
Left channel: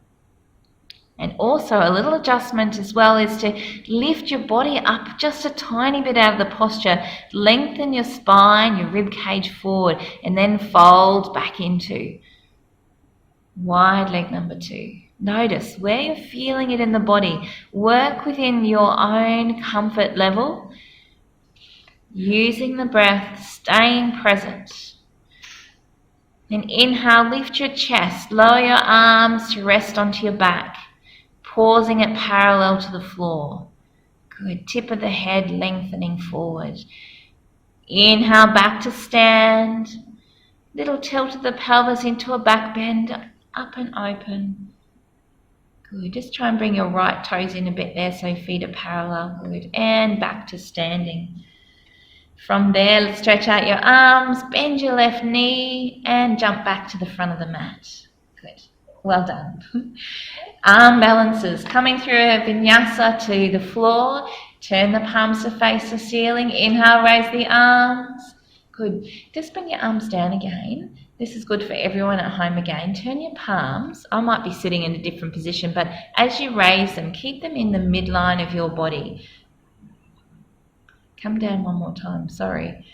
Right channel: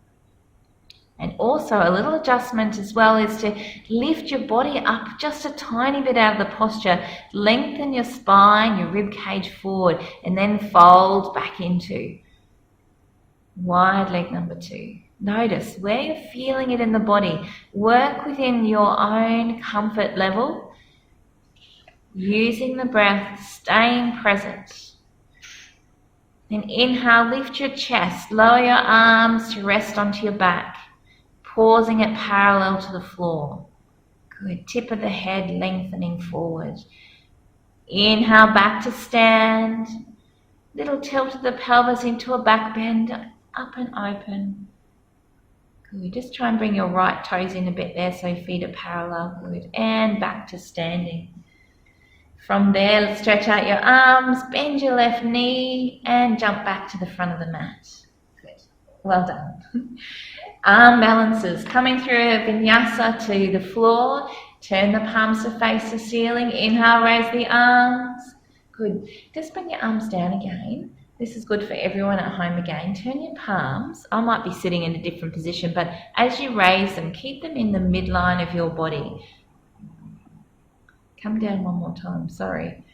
And also a little adjustment as well is to lift your body up just a tiny bit out of the posture. Lengthen your spine, your rib cage forward, and then fold back into wide leg number 2. Notice where you're feeling it in the body. Work within your own comfort level, using the breath, staying present. Then inhale, lift your chest, lower your arms to rest onto your back. Pausing it parallel to the floor. Good, tip of the head lengthening forward. Inhale, back to stand. Little tilt of the pelvis into a back bend, up and open. Good, just try and bring your right toes in a bit there so your feet are parallel. Good, and back to standing. From there, let's stretch out your arms, bend your left knee, and jump back to the front of the mat. Good, well done. Arm balances, coming through a vinyasa to the floor. Turn the palms to face the ceiling. Inhale, raise the arms. Good. Just bring your arms down again. This is good for everyone at home again. Turn your palms. I might be sitting in a different position, but as you raise them, keep them in the midline of your body. Come down one more time, sorry.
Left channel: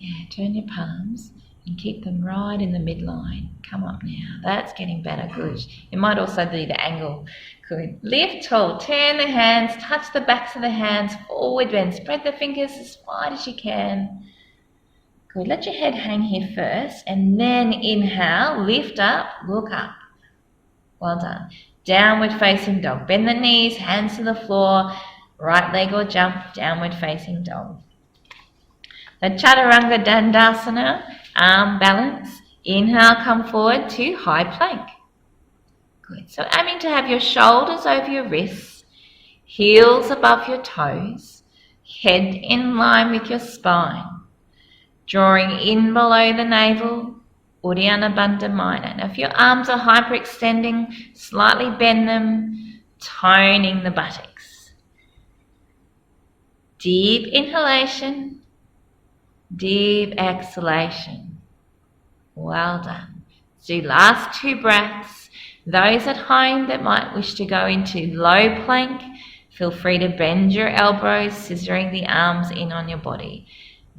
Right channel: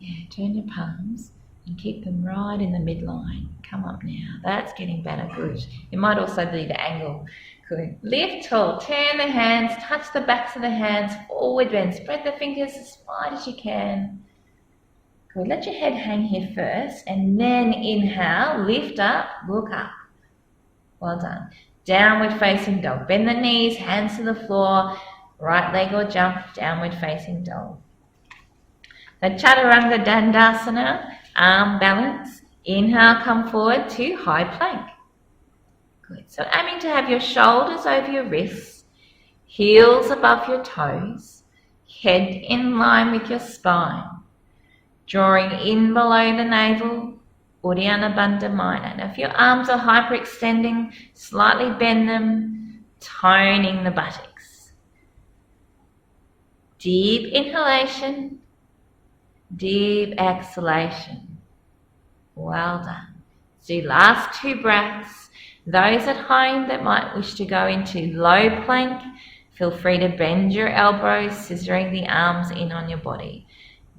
Yeah, turn your palms and keep them right in the midline. Come up now. That's getting better. Good. It might also be the angle. Good. Lift tall. Turn the hands. Touch the backs of the hands. Forward bend. Spread the fingers as wide as you can. Good. Let your head hang here first, and then inhale. Lift up. Look up. Well done. Downward facing dog. Bend the knees. Hands to the floor. Right leg or jump. Downward facing dog. The Chaturanga Dandasana. Arm balance. Inhale, come forward to high plank. Good. So aiming to have your shoulders over your wrists, heels above your toes, head in line with your spine. Drawing in below the navel, Uddiyana Bandha Minor. Now if your arms are hyperextending, slightly bend them, toning the buttocks. Deep inhalation, deep exhalation. Well done. So last 2 breaths. Those at home that might wish to go into low plank, feel free to bend your elbows, scissoring the arms in on your body.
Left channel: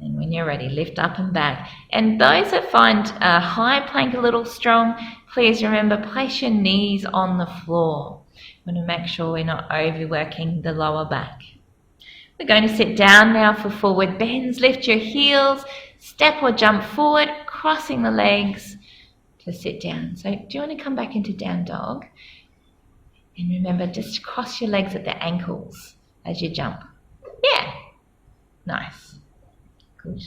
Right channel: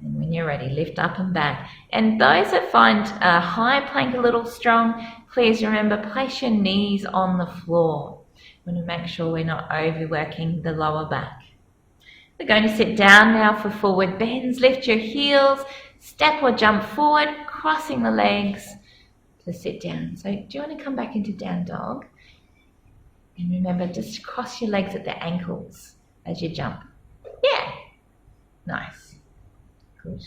And when you're ready, lift up and back. And those that find a high plank a little strong, please remember, place your knees on the floor. We want to make sure we're not overworking the lower back. We're going to sit down now for forward bends. Lift your heels, step or jump forward, crossing the legs to sit down. So do you want to come back into down dog? And remember, just cross your legs at the ankles as you jump. Yeah, nice, good.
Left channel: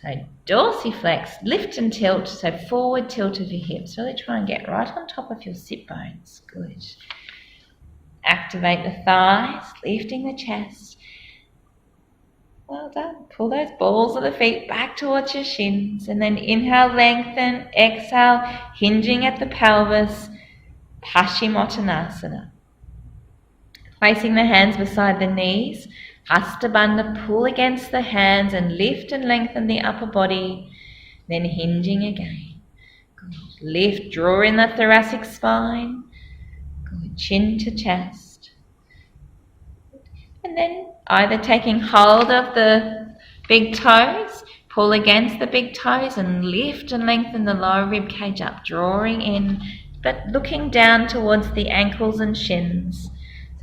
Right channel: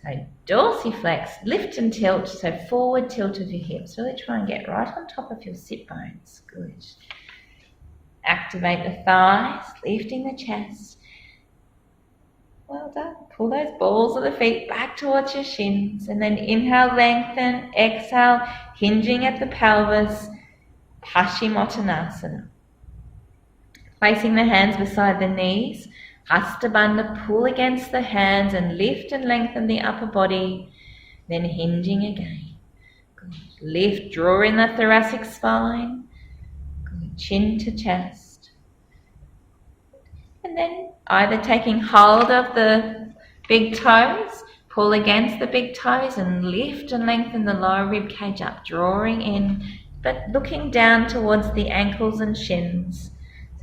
So dorsiflex, lift and tilt, so forward tilt of your hips. Really try and get right on top of your sit bones, good. Activate the thighs, lifting the chest. Well done. Pull those balls of the feet back towards your shins, and then inhale, lengthen, exhale, hinging at the pelvis, Paschimottanasana. Placing the hands beside the knees, Hasta Bandha, pull against the hands and lift and lengthen the upper body, then hinging again. Good. Lift, draw in the thoracic spine. Good. Chin to chest. And then either taking hold of the big toes, pull against the big toes and lift and lengthen the lower rib cage up, drawing in, but looking down towards the ankles and shins.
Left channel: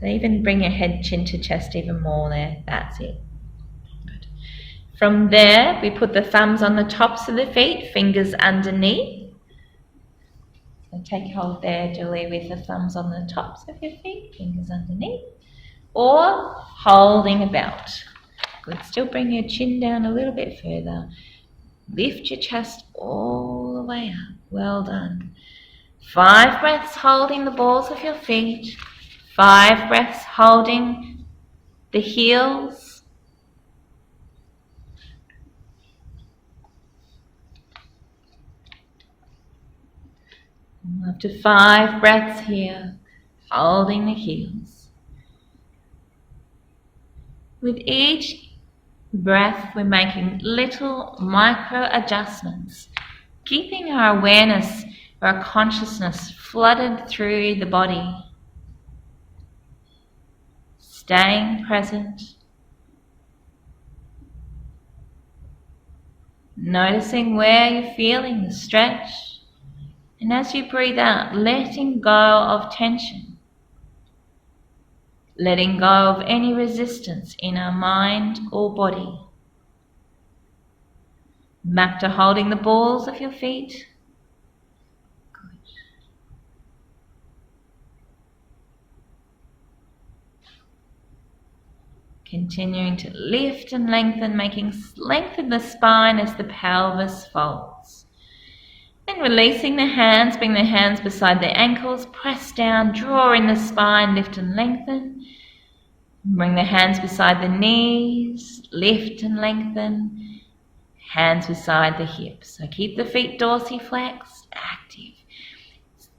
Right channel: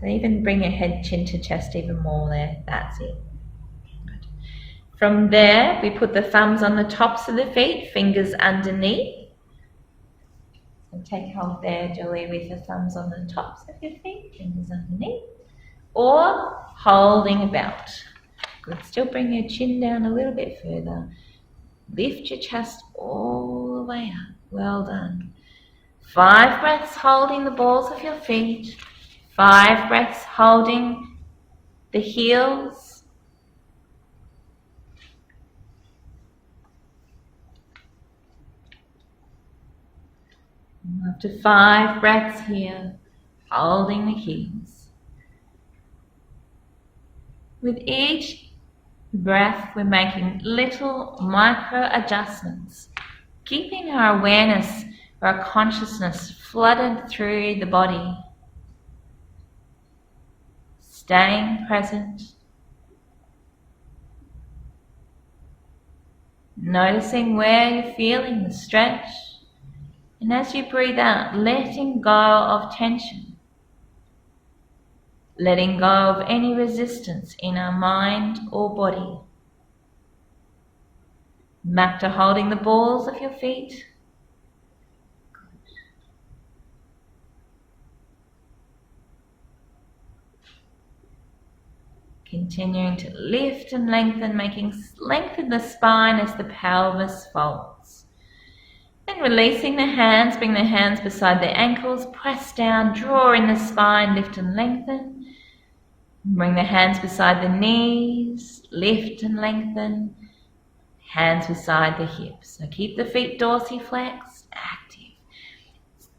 So even bring your head chin to chest even more there. That's it. Good. From there, we put the thumbs on the tops of the feet, fingers underneath. So take hold there, Julie, with the thumbs on the tops of your feet, fingers underneath. Or holding about. Good. Still bring your chin down a little bit further. Lift your chest all the way up. Well done. 5 breaths holding the balls of your feet. 5 breaths holding the heels. After 5 breaths here, holding the heels. With each breath, we're making little micro adjustments, keeping our awareness, our consciousness flooded through the body. Staying present, noticing where you're feeling the stretch, and as you breathe out, letting go of tension, letting go of any resistance in our mind or body. Back to holding the balls of your feet. Continuing to lift and lengthen, making lengthen the spine as the pelvis folds. Then releasing the hands, bring the hands beside the ankles, press down, draw in the spine, lift and lengthen. Bring the hands beside the knees, lift and lengthen. Hands beside the hips. So keep the feet dorsiflexed, active.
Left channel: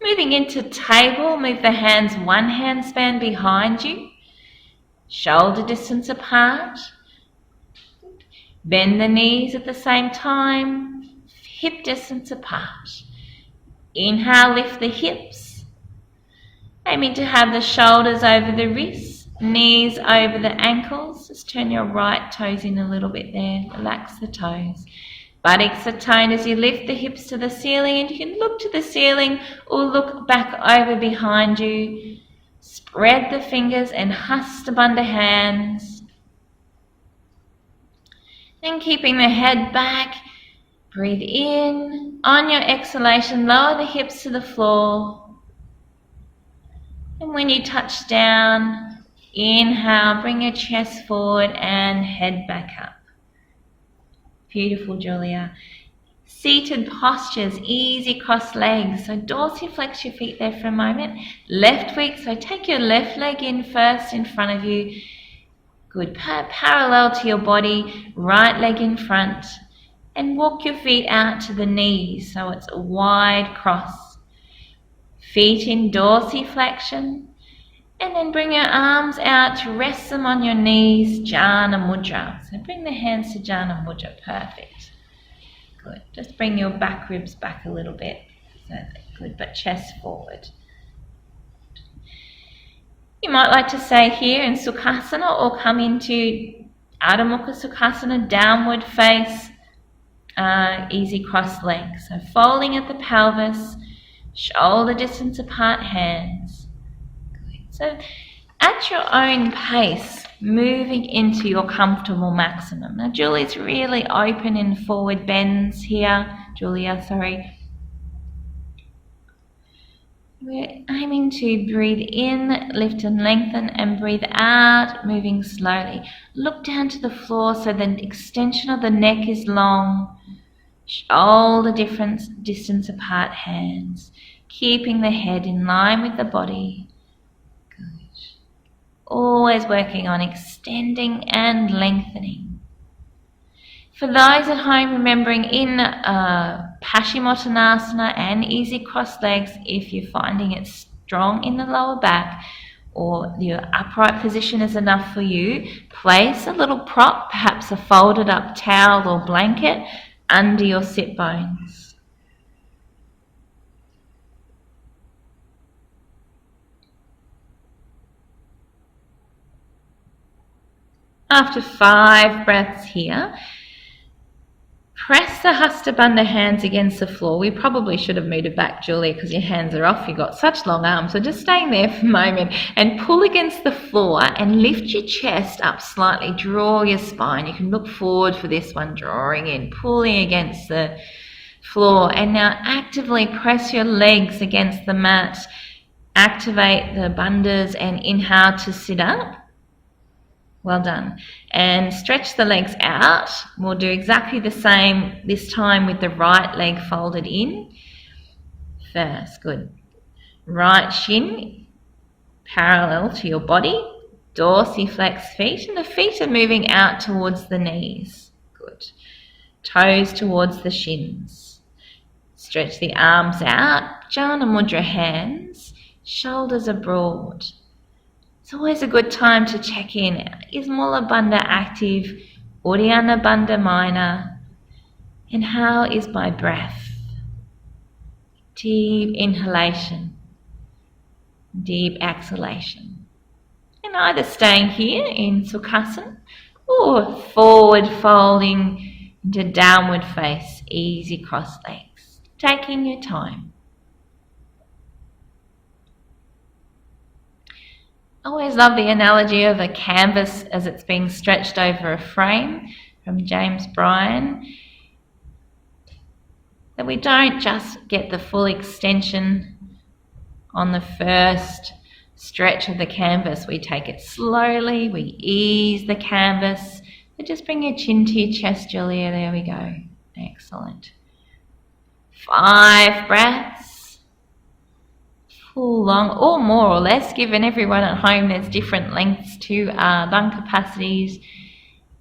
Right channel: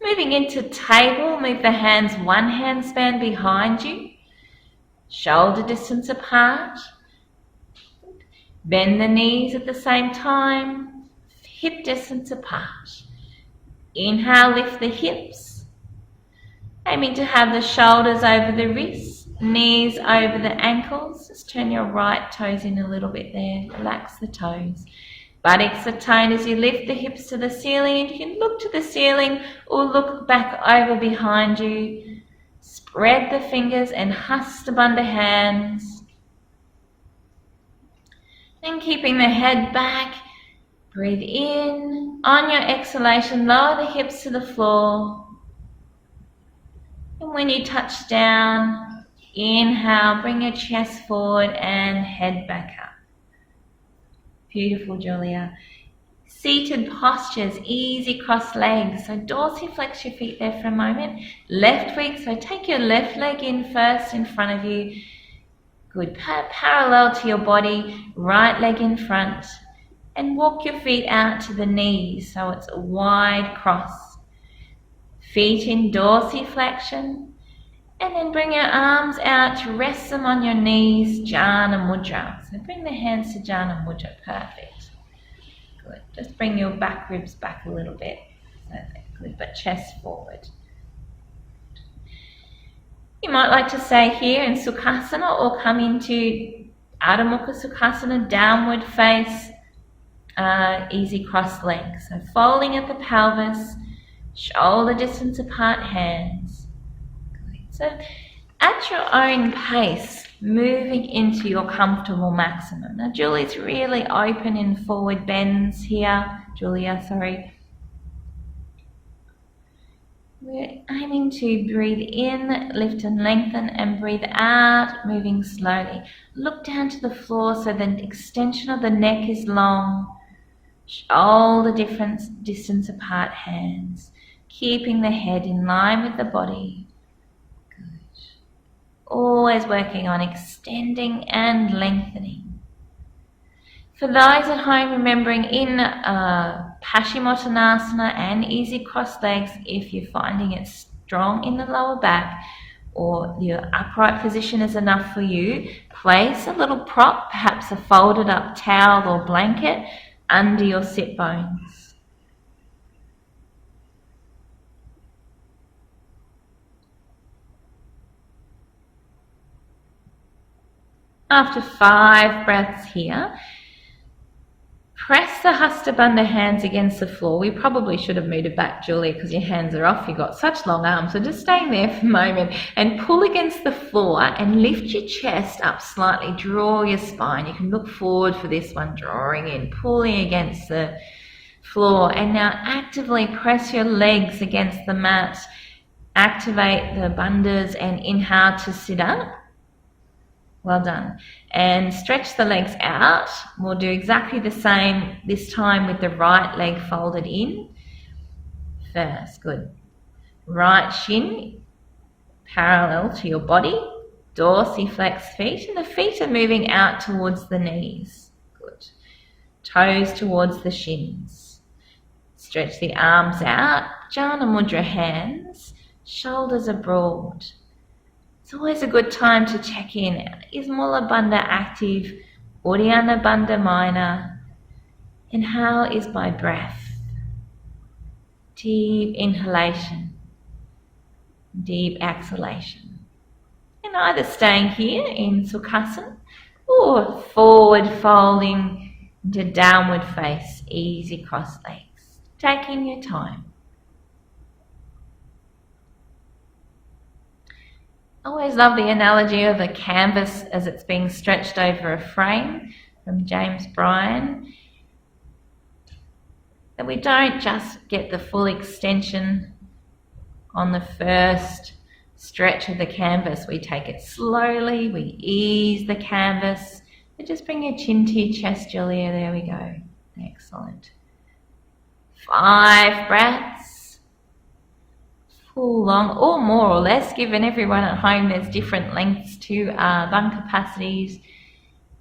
Moving into table, move the hands one handspan behind you. Shoulder distance apart. Bend the knees at the same time. Hip distance apart. Inhale, lift the hips. Aiming to have the shoulders over the wrists, knees over the ankles. Just turn your right toes in a little bit there. Relax the toes. Buttocks are toned as you lift the hips to the ceiling. And you can look to the ceiling or look back over behind you. Spread the fingers and Hasta Bandha hands. And keeping the head back, breathe in. On your exhalation, lower the hips to the floor. And when you touch down, inhale, bring your chest forward and head back up. Beautiful, Julia. Seated postures, easy cross legs. So dorsiflex your feet there for a moment. Left week, so take your left leg in first in front of you. Good, parallel to your body, right leg in front. And walk your feet out to the knees, so it's a wide cross. Feet in dorsiflexion. And then bring your arms out to rest them on your knees, Jhana Mudra. So bring the hands to Jhana Mudra, perfect. Good. Just bring your back ribs back a little bit. Good, but chest forward. You might like to stay here in Sukhasana or come into Adho Mukha Sukhasana, downward face, easy cross legs. So folding at the pelvis, shoulder distance apart hands. Good. So At your own pace, moving into your comfortable maximum. Now Julie's really open in forward bends here. Julia, sorry. We're aiming to breathe in, lift and lengthen, and breathe out, moving slowly. Look down to the floor so the extension of the neck is long. Shoulder distance apart hands. Keeping the head in line with the body. Good. Always working on extending and lengthening. For those at home, remembering in Paschimottanasana and easy crossed legs, if you're finding it strong in the lower back or your upright position is enough for you, place a little prop, perhaps a folded up towel or blanket, under your sit bones. After 5 breaths here, press the Hasta Bandha hands against the floor. We probably should have moved it back, Julia, because your hands are off. You've got such long arms. So just staying there for a moment and pull against the floor and lift your chest up slightly. Draw your spine. You can look forward for this one, drawing in, pulling against the floor. And now actively press your legs against the mat. Activate the bandhas and inhale to sit up. Well done. And stretch the legs out. We'll do exactly the same this time with the right leg folded in. First, good. Right shin parallel to your body. Dorsiflex feet, and the feet are moving out towards the knees. Good. Toes towards the shins. Stretch the arms out. Jhana Mudra hands. Shoulders are broad. It's always a good time to check in. Is Mula Bandha active? Uddiyana Bandha minor? And how is my breath? Deep inhalation, deep exhalation. And either staying here in Sukhasana or forward folding into downward face, easy cross legs. Taking your time. I always love the analogy of a canvas as it's being stretched over a frame from James Bryan. That we don't just get the full extension on the first stretch of the canvas. We take it slowly, we ease the canvas. So just bring your chin to your chest, Julia. There we go. Excellent. 5 breaths. Full long, or more or less, given everyone at home there's different lengths to lung capacities.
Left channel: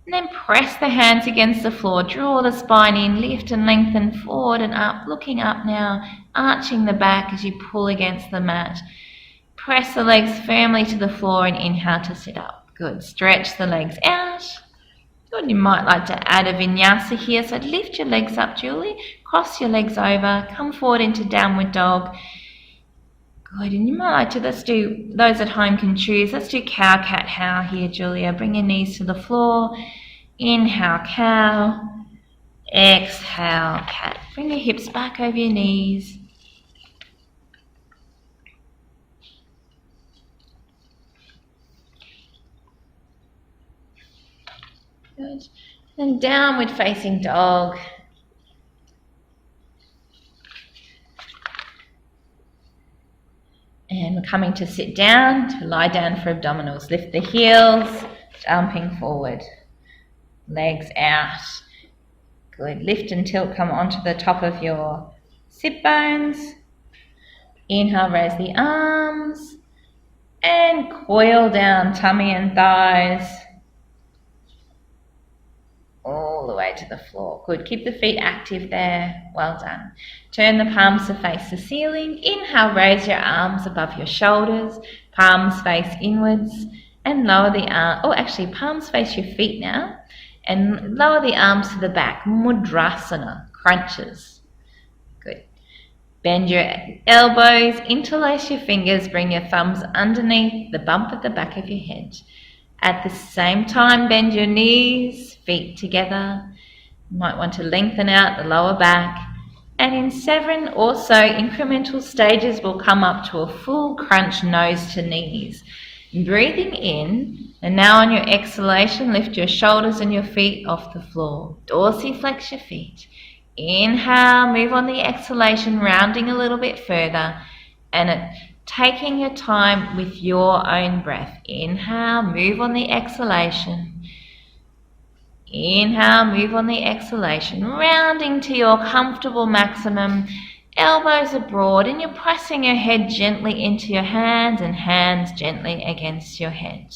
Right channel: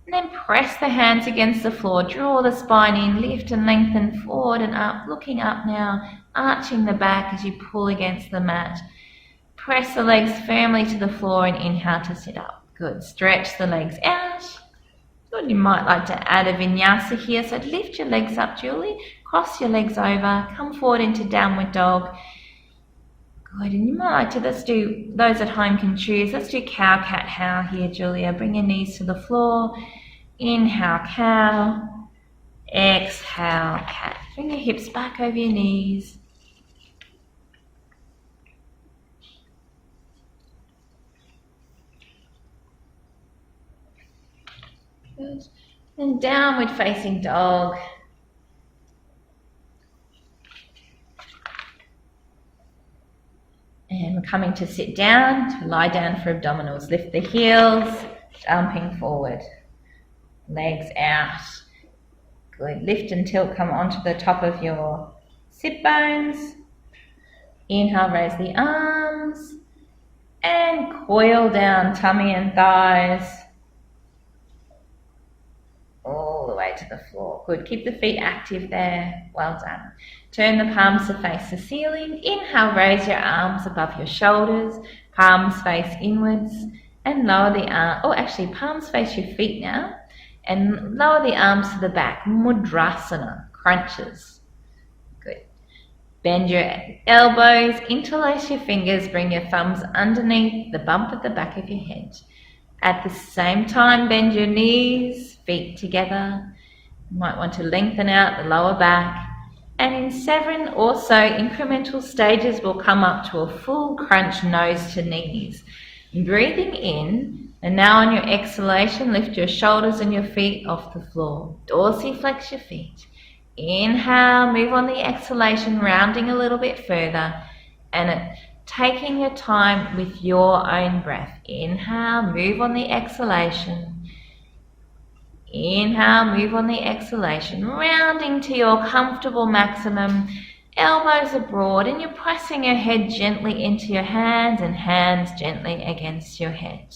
And then press the hands against the floor, draw the spine in, lift and lengthen forward and up, looking up now, arching the back as you pull against the mat. Press the legs firmly to the floor and inhale to sit up. Good. Stretch the legs out. Good. You might like to add a vinyasa here, so lift your legs up, Julie. Cross your legs over, come forward into downward dog. Good, and you might like to, let's do, those at home can choose, let's do cow, cat, how here, Julia. Bring your knees to the floor. Inhale, cow. Exhale, cat. Bring your hips back over your knees. Good. And downward facing dog. And we're coming to sit down, to lie down for abdominals. Lift the heels, jumping forward. Legs out. Good. Lift and tilt, come onto the top of your sit bones. Inhale, raise the arms. And coil down tummy and thighs. All the way to the floor. Good. Keep the feet active there. Well done. Turn the palms to face the ceiling. Inhale, raise your arms above your shoulders. Palms face inwards. And lower the arm. Oh, actually, palms face your feet now. And lower the arms to the back. Mudrasana. Crunches. Good. Bend your elbows. Interlace your fingers. Bring your thumbs underneath the bump at the back of your head. At the same time, bend your knees, feet together. You might want to lengthen out the lower back. And in 7 or so incremental stages, we'll come up to a full crunch, nose to knees. Breathing in, and now on your exhalation, lift your shoulders and your feet off the floor. Dorsiflex your feet. Inhale, move on the exhalation, rounding a little bit further, and taking your time with your own breath. Inhale, move on the exhalation. Inhale, move on the exhalation, rounding to your comfortable maximum. Elbows are broad and you're pressing your head gently into your hands and hands gently against your head.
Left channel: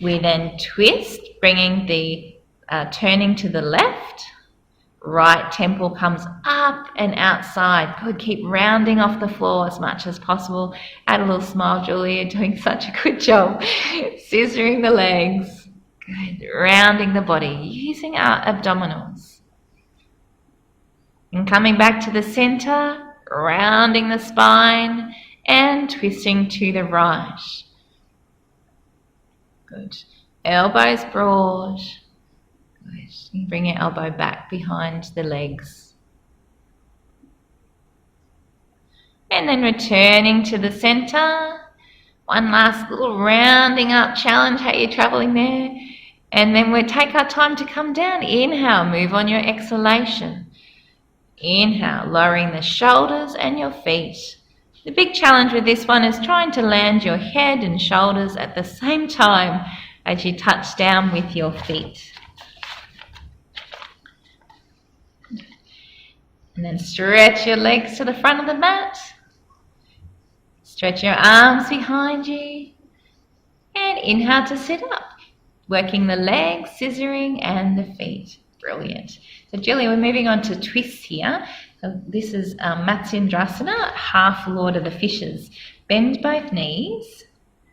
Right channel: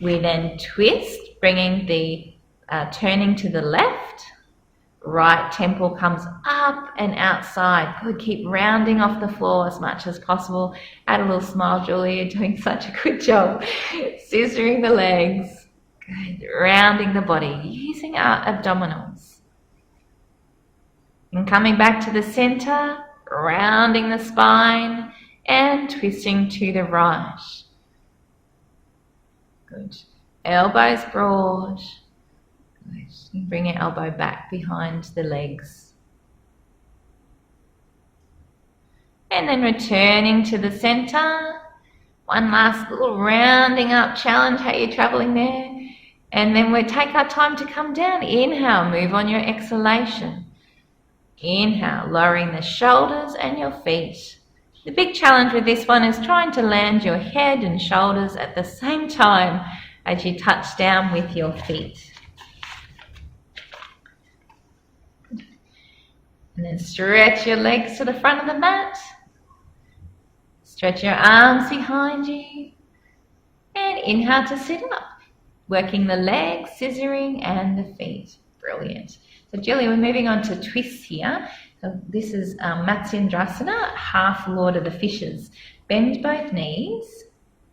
We then twist, bringing the turning to the left. Right temple comes up and outside. Good, keep rounding off the floor as much as possible. Add a little smile, Julie, you're doing such a good job. Scissoring the legs. Good, rounding the body, using our abdominals. And coming back to the center, rounding the spine and twisting to the right. Good. Elbows broad. Good. You bring your elbow back behind the legs. And then returning to the center. One last little rounding up challenge. How you're traveling there. And then we'll take our time to come down. Inhale, move on your exhalation. Inhale, lowering the shoulders and your feet. The big challenge with this one is trying to land your head and shoulders at the same time as you touch down with your feet. And then stretch your legs to the front of the mat. Stretch your arms behind you. And inhale to sit up. Working the legs, scissoring, and the feet. Brilliant. So Julie, we're moving on to twists here. So this is Matsyendrasana, half Lord of the Fishes. Bend both knees.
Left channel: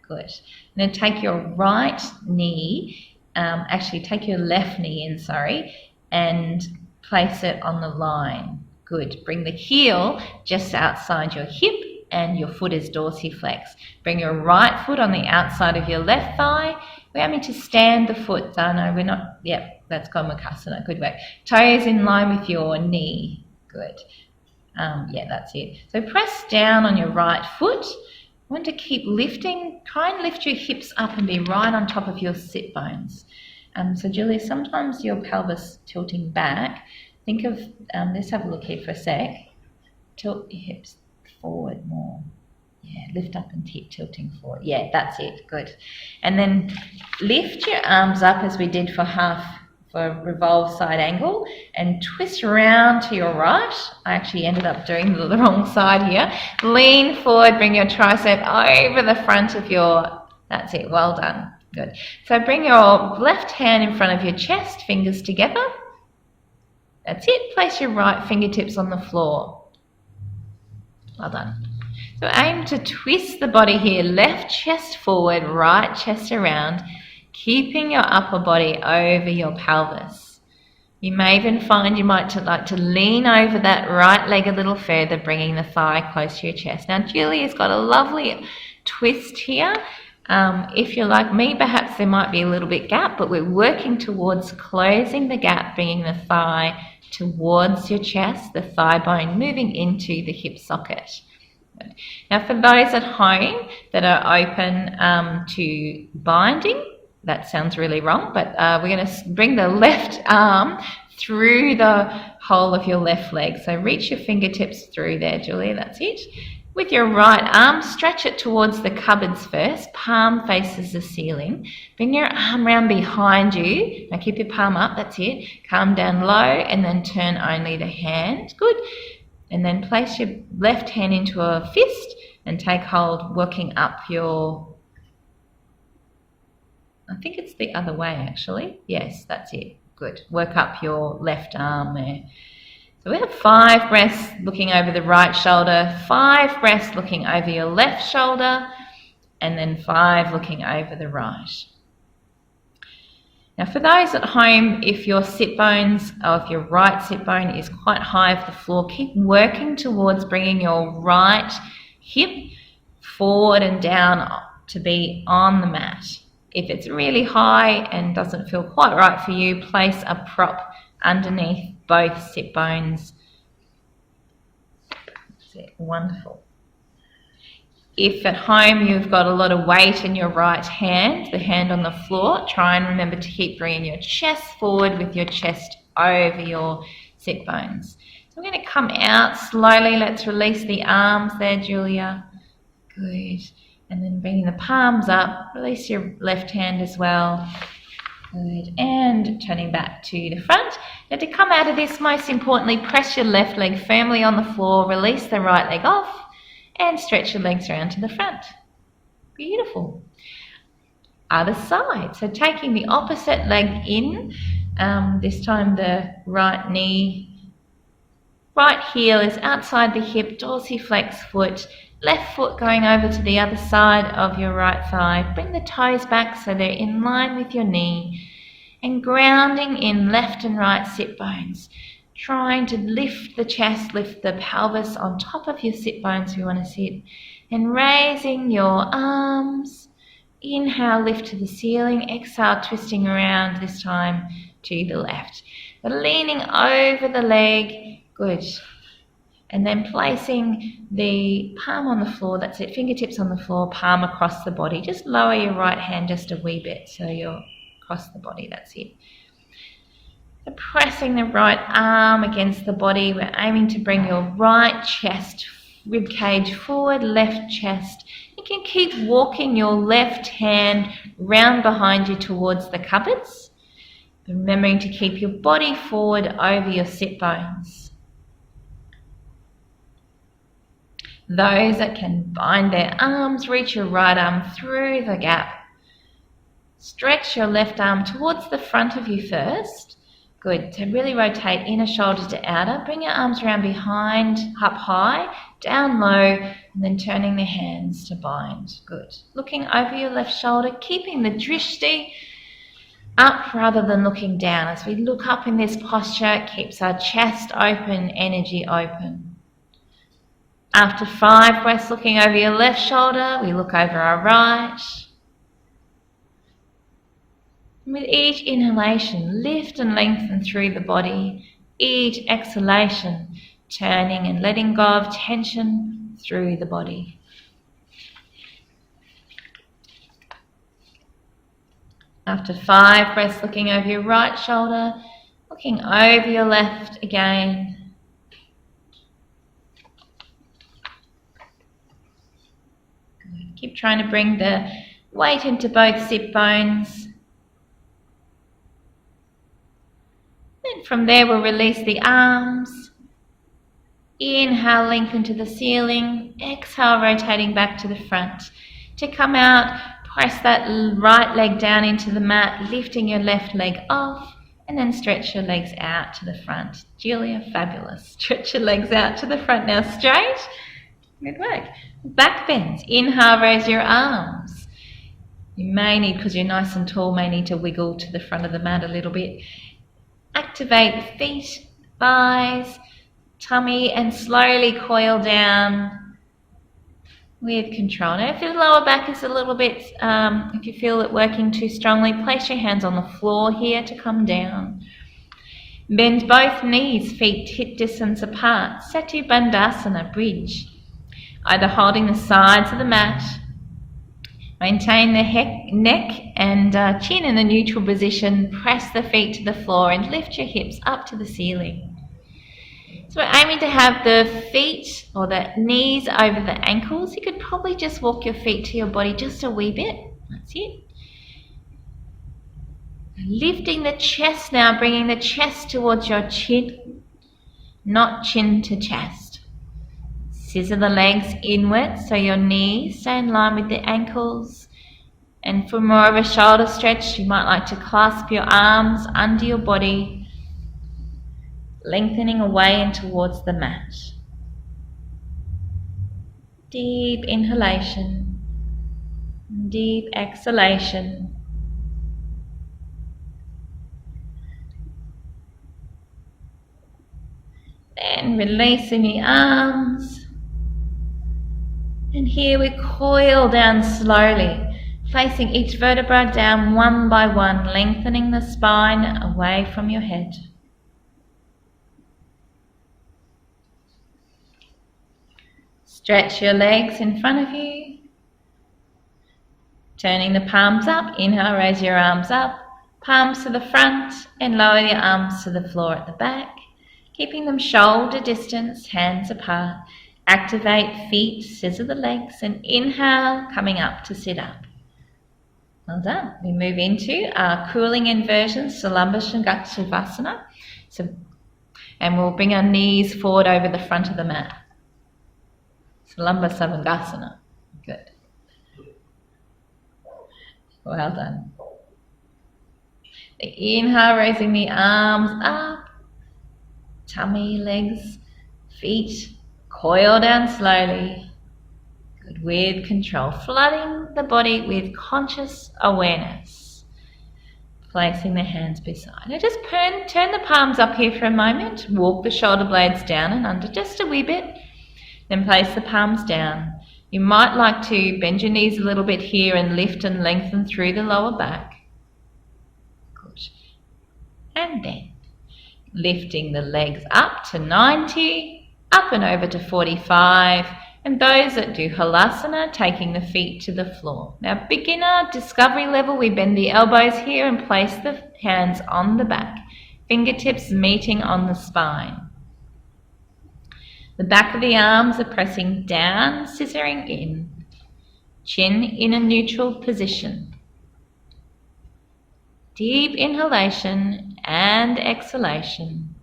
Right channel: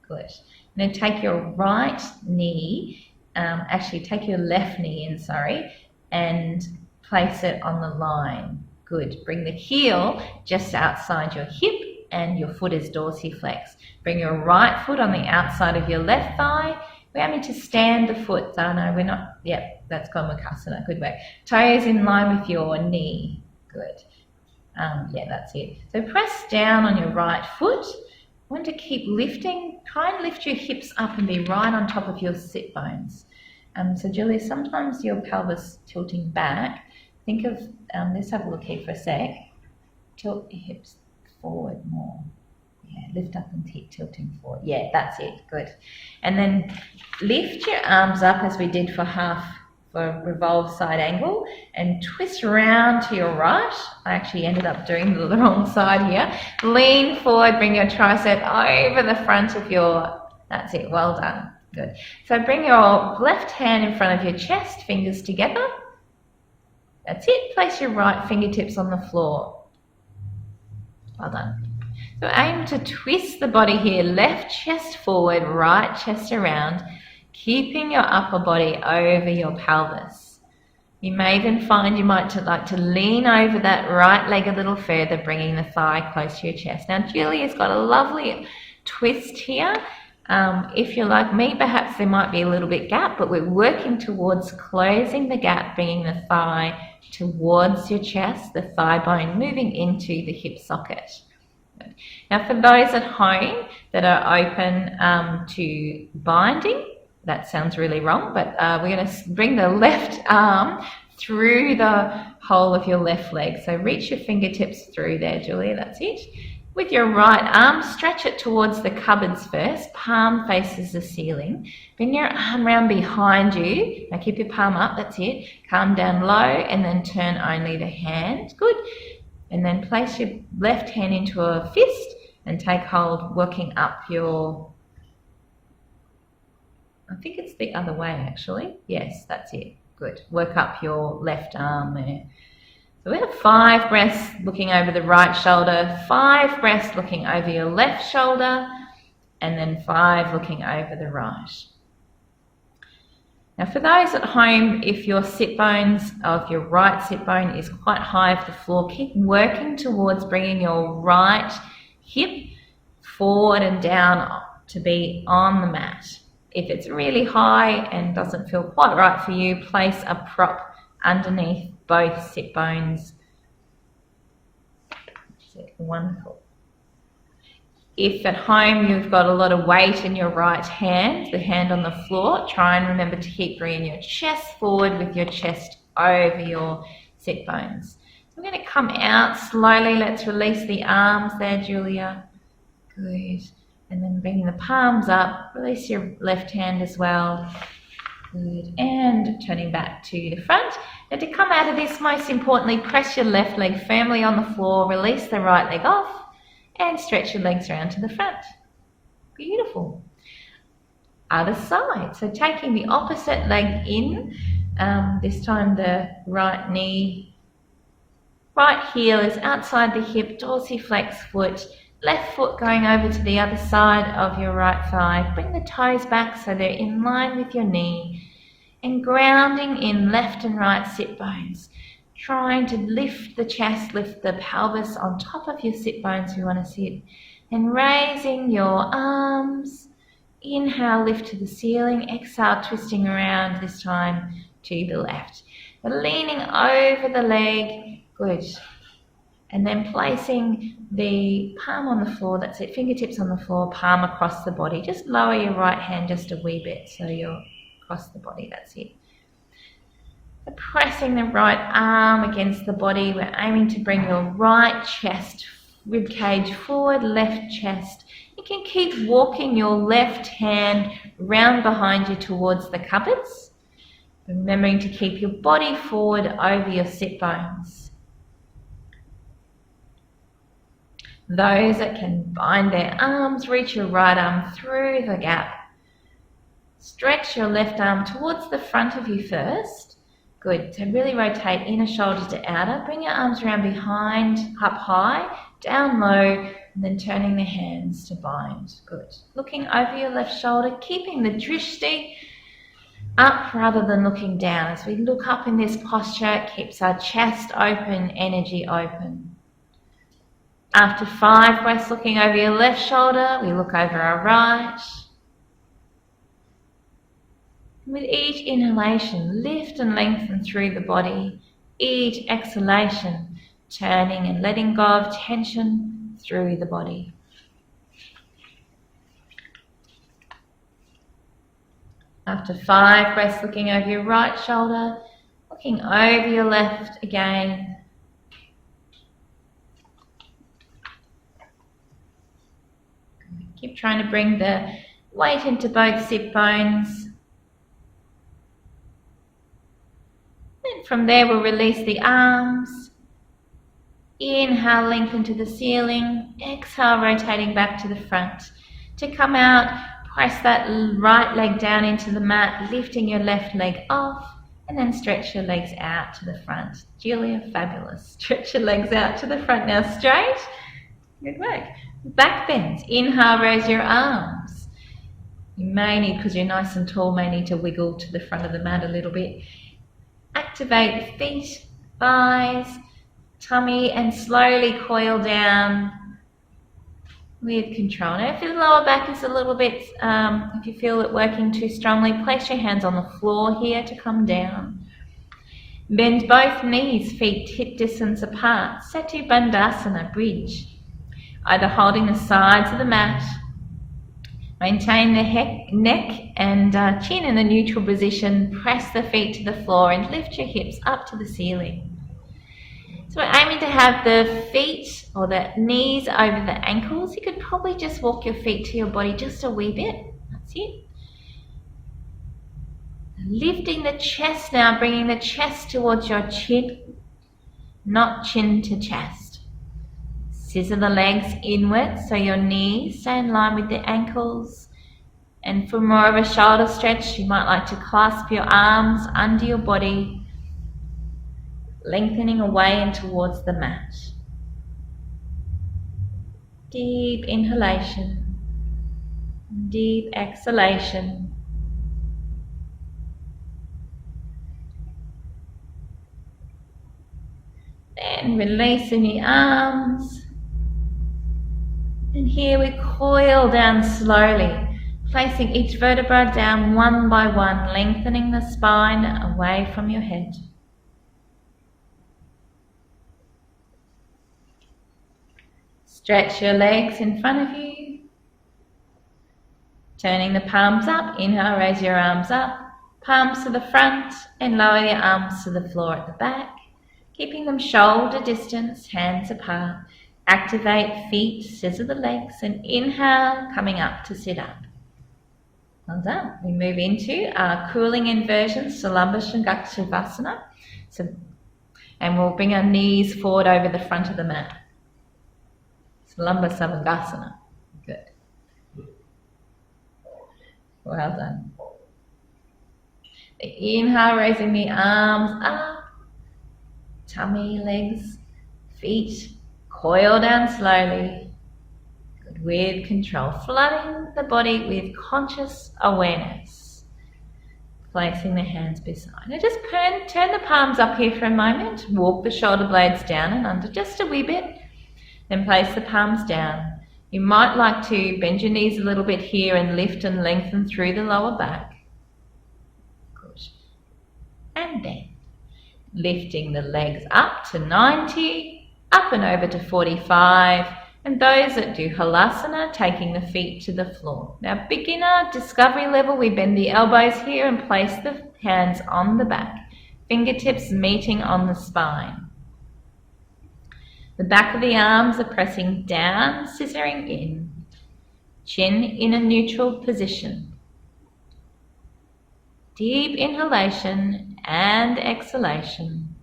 Good. And then take your right knee, take your left knee in, and place it on the line. Good. Bring the heel just outside your hip and your foot is dorsiflex. Bring your right foot on the outside of your left thigh. We want me to stand the foot. Oh no, we're not. Yep, that's Gomukhasana. Good work. Toes in line with your knee. Good. Yeah, that's it. So press down on your right foot. Want to keep lifting. Try and lift your hips up and be right on top of your sit bones. So Julie, sometimes your pelvis tilting back. Think of, let's have a look here for a sec. Tilt your hips forward more. Yeah, lift up and keep tilting forward. Yeah, that's it. Good. And then lift your arms up as we did for revolve side angle and twist around to your right. I actually ended up doing the wrong side here. Lean forward, bring your tricep over the front of that's it. Well done. Good. So bring your left hand in front of your chest, fingers together. That's it. Place your right fingertips on the floor. Well done. So aim to twist the body here, left chest forward, right chest around, keeping your upper body over your pelvis. You may even find you might like to lean over that right leg a little further, bringing the thigh close to your chest. Now Julia's got a lovely twist here. If you're like me, perhaps there might be a little bit gap, but we're working towards closing the gap, bringing the thigh towards your chest, the thigh bone moving into the hip socket. Now for those at home that are open to binding, that sounds really wrong, but we're going to bring the left arm through the whole of your left leg. So reach your fingertips through there, Julia, that's it. With your right arm, stretch it towards the cupboards first, palm faces the ceiling. Bring your arm around behind you. Now keep your palm up, that's it. Calm down low and then turn only the hand. Good. And then place your left hand into a fist and take hold, working up your, I think it's the other way actually. Yes, that's it. Good. Work up your left arm there. So we have 5 breaths looking over the right shoulder, 5 breaths looking over your left shoulder, and then 5 looking over the right. Now for those at home, if your sit bones, or if your right sit bone is quite high off the floor, keep working towards bringing your right hip forward and down to be on the mat. If it's really high and doesn't feel quite right for you, place a prop underneath both sit bones. That's it. Wonderful. If at home you've got a lot of weight in your right hand, the hand on the floor, try and remember to keep bringing your chest forward with your chest over your sit bones. So I'm going to come out slowly. Let's release the arms there, Julia. Good. And then bringing the palms up, release your left hand as well. Good. And turning back to the front. Now to come out of this, most importantly, press your left leg firmly on the floor, release the right leg off, and stretch your legs around to the front. Beautiful. Other side. So taking the opposite leg in, this time the right knee, right heel is outside the hip, dorsiflex foot, left foot going over to the other side of your right thigh. Bring the toes back so they're in line with your knee, and grounding in left and right sit bones. Trying to lift the chest, lift the pelvis on top of your sit bones if you want to sit, and raising your arms. Inhale, lift to the ceiling. Exhale, twisting around, this time to the left. But leaning over the leg, good. And then placing the palm on the floor, that's it, fingertips on the floor, palm across the body. Just lower your right hand just a wee bit so you're across the body, that's it. Pressing the right arm against the body, we're aiming to bring your right chest, rib cage forward, left chest. You can keep walking your left hand round behind you towards the cupboards, remembering to keep your body forward over your sit bones. Those that can bind their arms, reach your right arm through the gap. Stretch your left arm towards the front of you first. Good. So really rotate inner shoulder to outer. Bring your arms around behind, up high, down low, and then turning the hands to bind. Good. Looking over your left shoulder, keeping the drishti up rather than looking down. As we look up in this posture, it keeps our chest open, energy open. After 5 breaths looking over your left shoulder, we look over our right. With each inhalation, lift and lengthen through the body. Each exhalation, turning and letting go of tension through the body. After 5 breaths, looking over your right shoulder, looking over your left again. Keep trying to bring the weight into both sit bones. And from there we'll release the arms. Inhale, lengthen to the ceiling. Exhale, rotating back to the front. To come out, press that right leg down into the mat, lifting your left leg off, and then stretch your legs out to the front. Julia, fabulous. Stretch your legs out to the front now, straight. Good work. Back bends. Inhale, raise your arms. You may need, because you're nice and tall, may need to wiggle to the front of the mat a little bit. Activate feet, thighs, tummy, and slowly coil down with control. Now if your lower back is a little bit, if you feel it working too strongly, place your hands on the floor here to come down. Bend both knees, feet hip distance apart. Setu Bandhasana, bridge. Either holding the sides of the mat. Maintain the neck and chin in a neutral position. Press the feet to the floor and lift your hips up to the ceiling. So we're aiming to have the feet or the knees over the ankles. You could probably just walk your feet to your body just a wee bit. That's it. Lifting the chest now, bringing the chest towards your chin, not chin to chest. Scissor the legs inward so your knees stay in line with the ankles. And for more of a shoulder stretch, you might like to clasp your arms under your body, lengthening away and towards the mat. Deep inhalation, deep exhalation. Then releasing the arms. And here we coil down slowly, placing each vertebra down one by one, lengthening the spine away from your head. Stretch your legs in front of you. Turning the palms up. Inhale, raise your arms up. Palms to the front and lower your arms to the floor at the back. Keeping them shoulder distance, hands apart. Activate feet, scissor the legs, and inhale, coming up to sit up. Well done. We move into our cooling inversion, Salamba Shavasana. And we'll bring our knees forward over the front of the mat. Salamba Savangasana. Good. Well done. The inhale, raising the arms up. Tummy, legs, feet, coil down slowly. Good, with control. Flooding the body with conscious awareness. Placing the hands beside. Now just turn the palms up here for a moment. Walk the shoulder blades down and under just a wee bit. Then place the palms down. You might like to bend your knees a little bit here and lift and lengthen through the lower back. Good. And then lifting the legs up to 90, up and over to 45. And those that do halasana, taking the feet to the floor. Now, beginner discovery level, we bend the elbows here and place the hands on the back. Fingertips meeting on the spine. The back of the arms are pressing down, scissoring in. Chin in a neutral position. Deep inhalation and exhalation.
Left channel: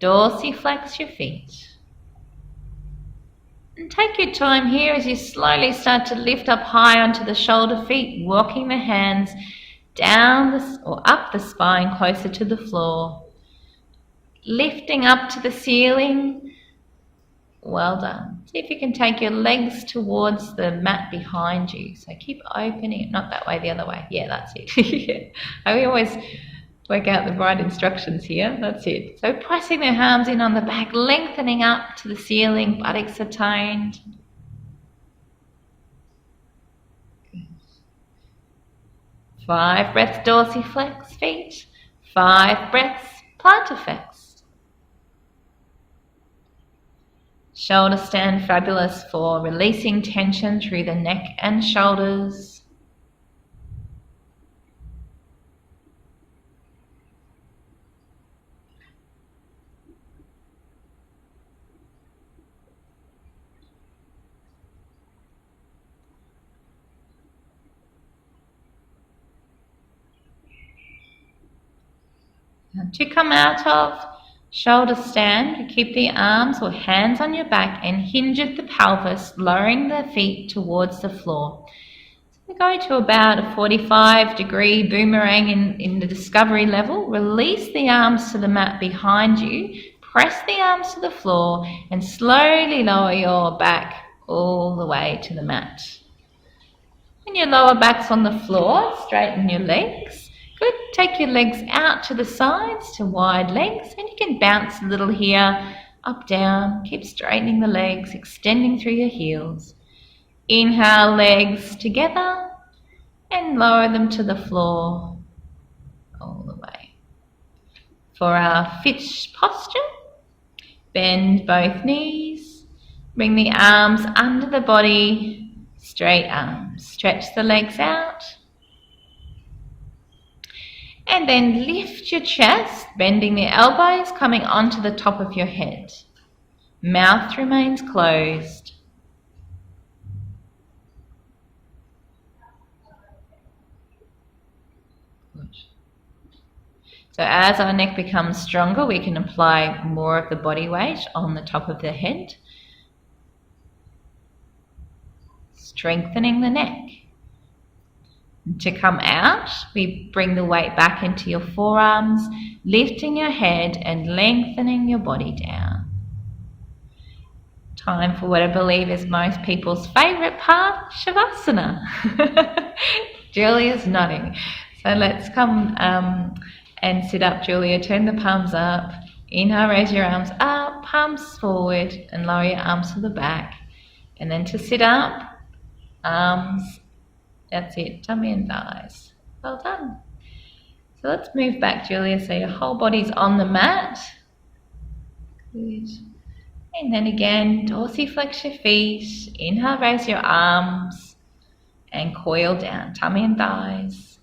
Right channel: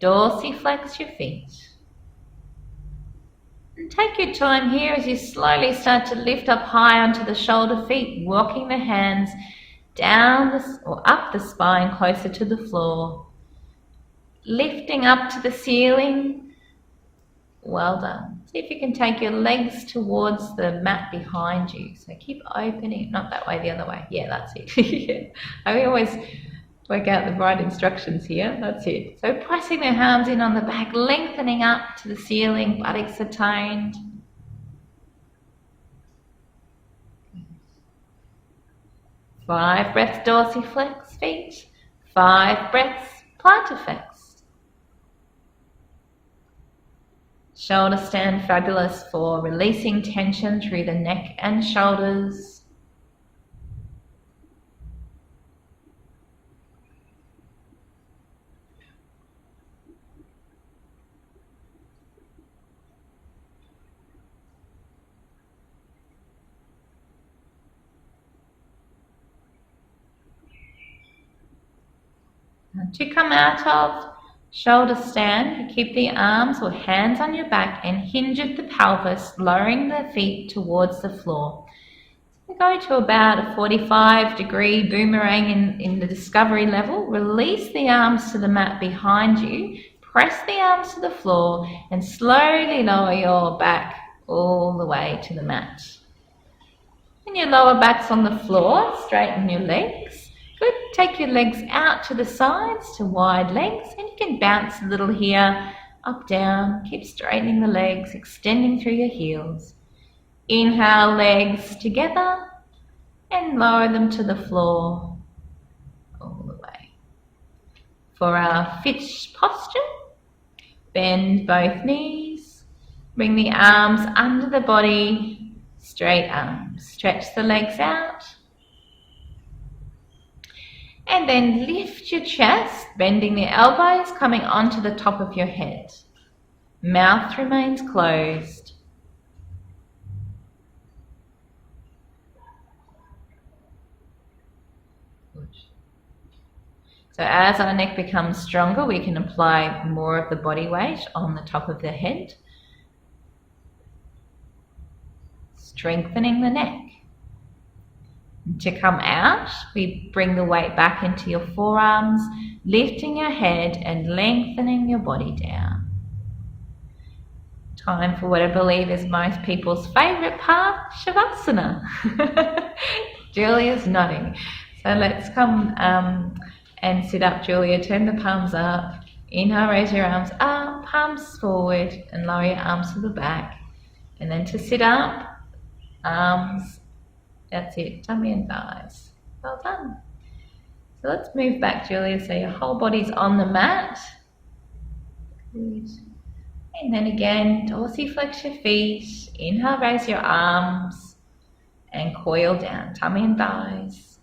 Dorsiflex your feet. And take your time here as you slowly start to lift up high onto the shoulder feet, walking the hands down or up the spine closer to the floor. Lifting up to the ceiling. Well done. See if you can take your legs towards the mat behind you. So keep opening, not that way, the other way. Yeah, that's it. I always work out the right instructions here. That's it. So pressing the arms in on the back, lengthening up to the ceiling, buttocks are toned. 5 breaths dorsiflex feet. 5 breaths plantarflex. Shoulder stand, fabulous for releasing tension through the neck and shoulders. Now to come out of shoulder stand, you keep the arms or hands on your back and hinge at the pelvis, lowering the feet towards the floor. So we go to about a 45-degree boomerang in the discovery level. Release the arms to the mat behind you. Press the arms to the floor and slowly lower your back all the way to the mat. When your lower back's on the floor, straighten your legs. Good. Take your legs out to the sides, to wide legs, and you can bounce a little here, up, down. Keep straightening the legs, extending through your heels. Inhale, legs together, and lower them to the floor all the way. For our fish posture, bend both knees, bring the arms under the body, straight arms. Stretch the legs out. And then lift your chest, bending the elbows, coming onto the top of your head. Mouth remains closed. Good. So as our neck becomes stronger, we can apply more of the body weight on the top of the head, strengthening the neck. To come out, we bring the weight back into your forearms, lifting your head and lengthening your body down. Time for what I believe is most people's favourite part, Shavasana. Julia's nodding. So let's come and sit up, Julia. Turn the palms up. Inhale, raise your arms up, palms forward, and lower your arms to the back. And then to sit up, arms. That's it, tummy and thighs. Well done. So let's move back, Julia, so your whole body's on the mat. Good. And then again, dorsiflex your feet. Inhale, raise your arms and coil down, tummy and thighs.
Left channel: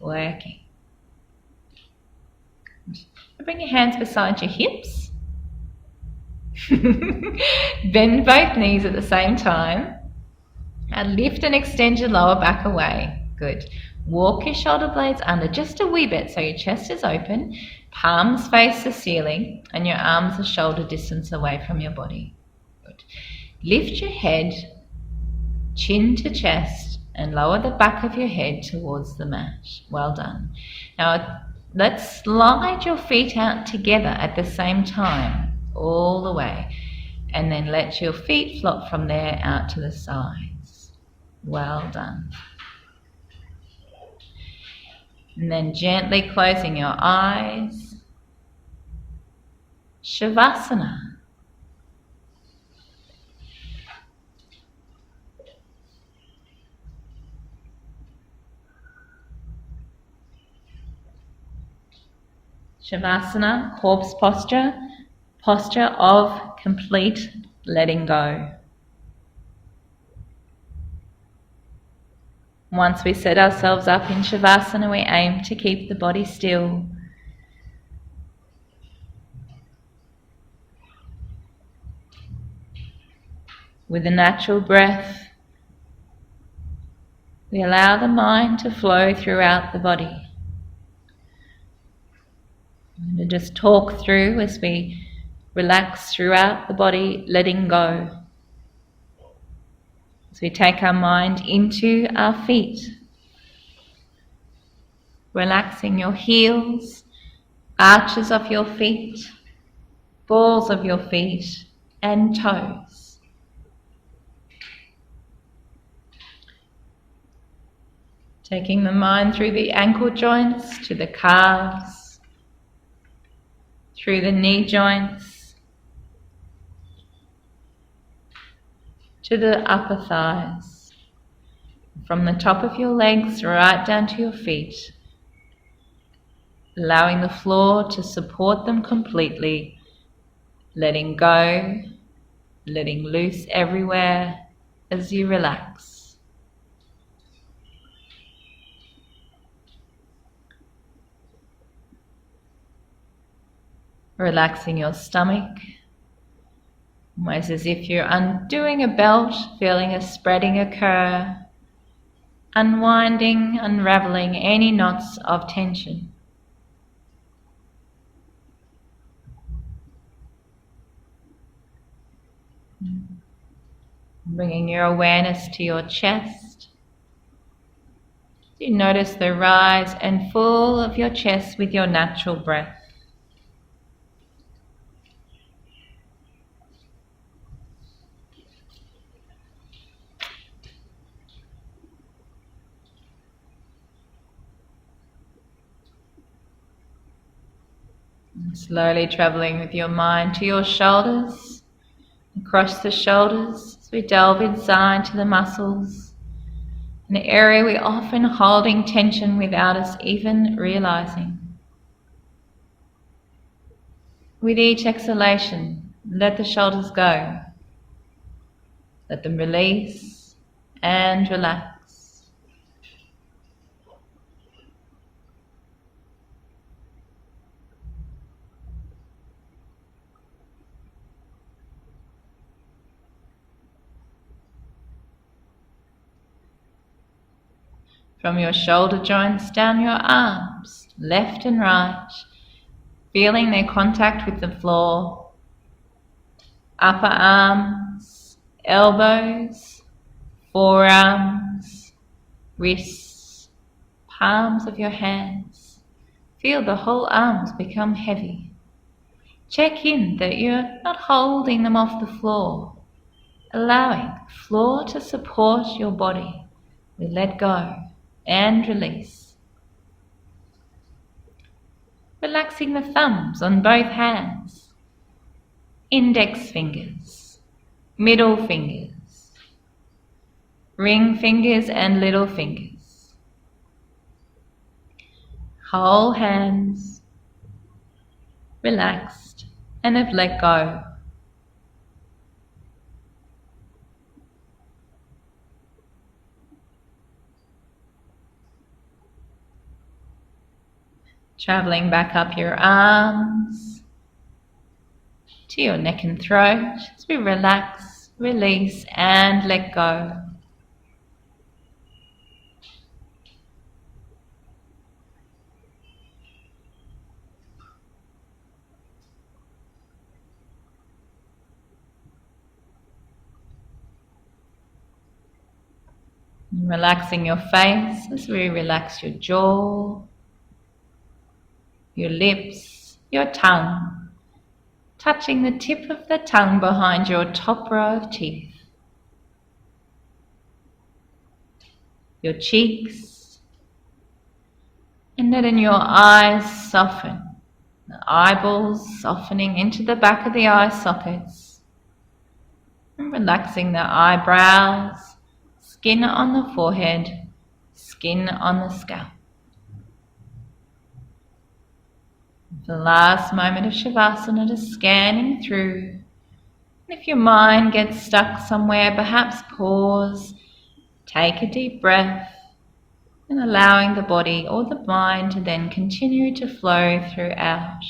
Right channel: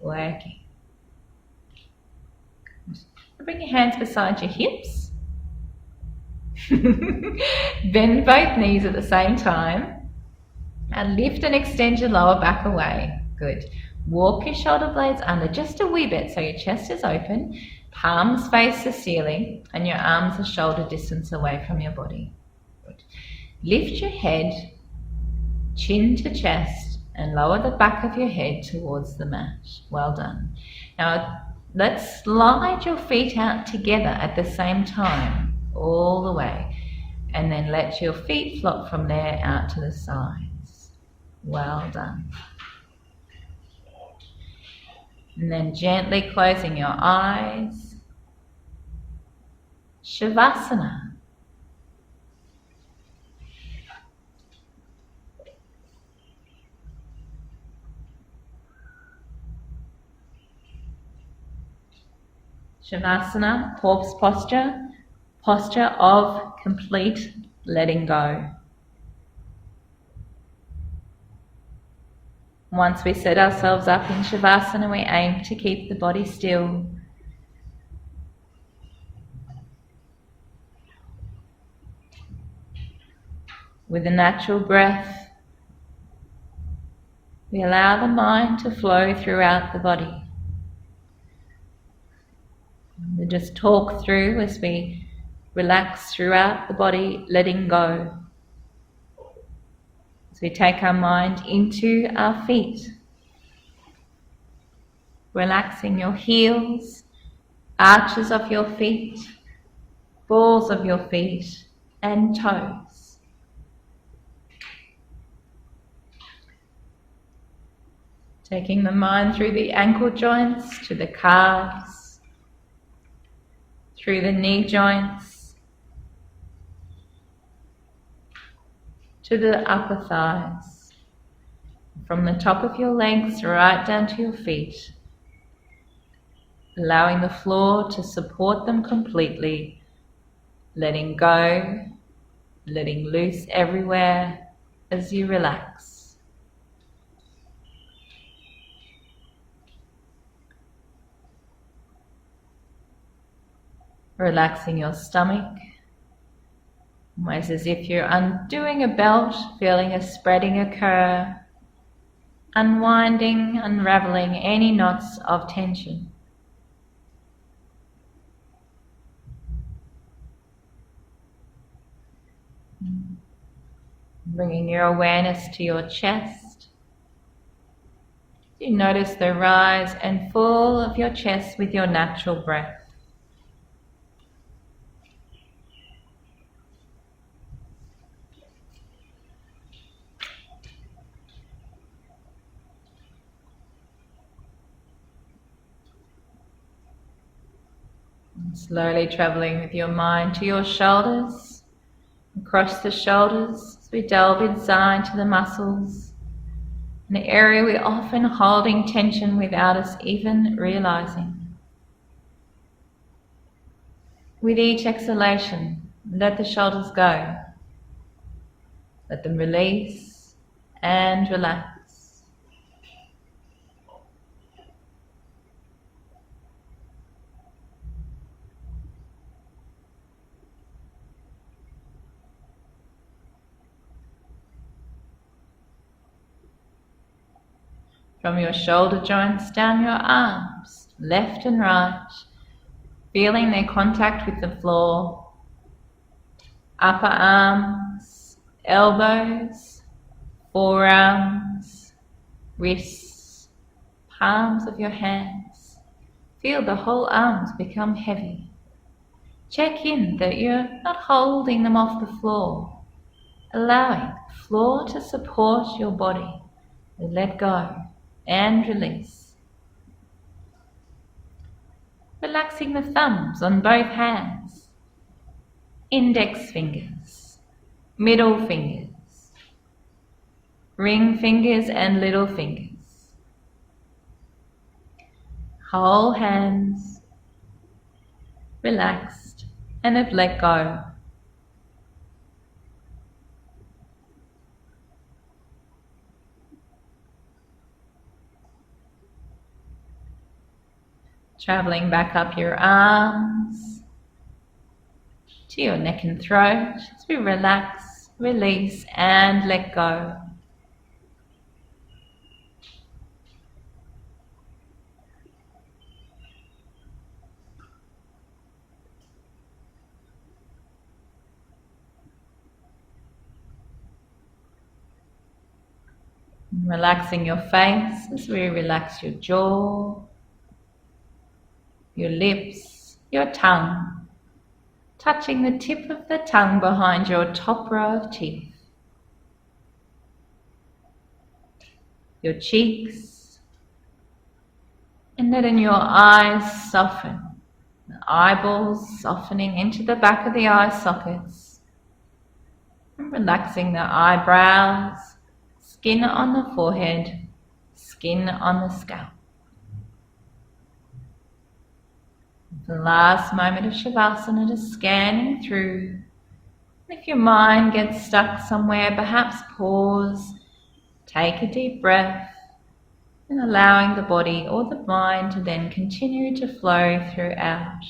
Working. Bring your hands beside your hips. Bend both knees at the same time. And lift and extend your lower back away. Good. Walk your shoulder blades under just a wee bit so your chest is open. Palms face the ceiling and your arms are shoulder distance away from your body. Good. Lift your head, chin to chest, and lower the back of your head towards the mat. Well done. Now let's slide your feet out together at the same time, all the way. And then let your feet flop from there out to the sides. Well done. And then gently closing your eyes. Shavasana. Shavasana, corpse posture, posture of complete letting go. Once we set ourselves up in Shavasana, we aim to keep the body still. With a natural breath, we allow the mind to flow throughout the body. And to just talk through as we relax throughout the body, letting go. As we take our mind into our feet, relaxing your heels, arches of your feet, balls of your feet, and toes. Taking the mind through the ankle joints to the calves, through the knee joints, to the upper thighs, from the top of your legs right down to your feet, allowing the floor to support them completely, letting go, letting loose everywhere as you relax. Relaxing your stomach, almost as if you're undoing a belt, feeling a spreading occur, unwinding, unraveling any knots of tension. Bringing your awareness to your chest. You notice the rise and fall of your chest with your natural breath. Slowly traveling with your mind to your shoulders, across the shoulders as we delve inside to the muscles, an area we're often holding tension without us even realizing. With each exhalation, let the shoulders go. Let them release and relax. From your shoulder joints down your arms, left and right, feeling their contact with the floor. Upper arms, elbows, forearms, wrists, palms of your hands. Feel the whole arms become heavy. Check in that you're not holding them off the floor, allowing the floor to support your body. We let go and release. Relaxing the thumbs on both hands, index fingers, middle fingers, ring fingers and little fingers. Whole hands, relaxed and have let go. Travelling back up your arms to your neck and throat as we relax, release and let go. Relaxing your face as we relax your jaw, your lips, your tongue, touching the tip of the tongue behind your top row of teeth, your cheeks, and letting your eyes soften, the eyeballs softening into the back of the eye sockets, and relaxing the eyebrows, skin on the forehead, skin on the scalp. The last moment of Shavasana, just scanning through. If your mind gets stuck somewhere, perhaps pause, take a deep breath, and allowing the body or the mind to then continue to flow throughout.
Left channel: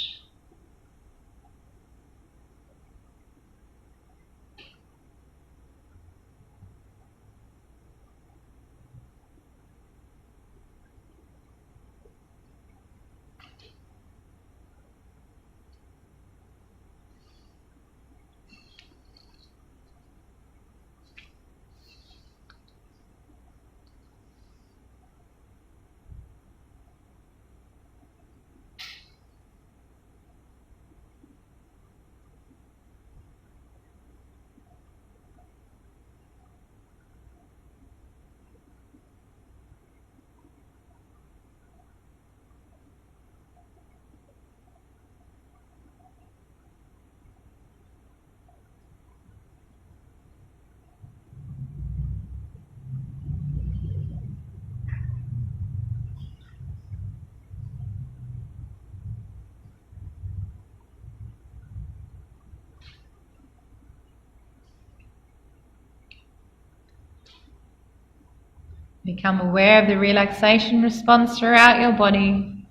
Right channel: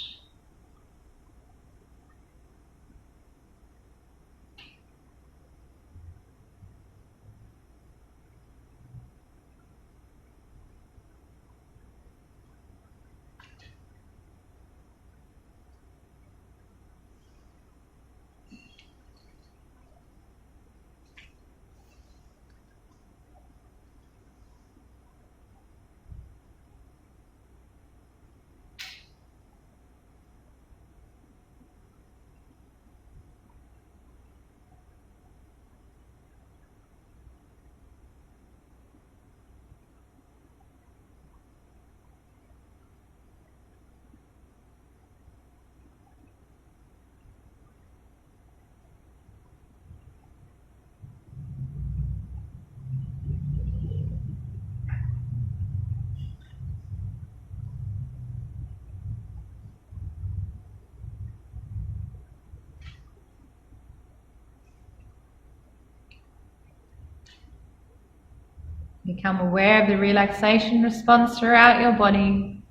Become aware of the relaxation response throughout your body.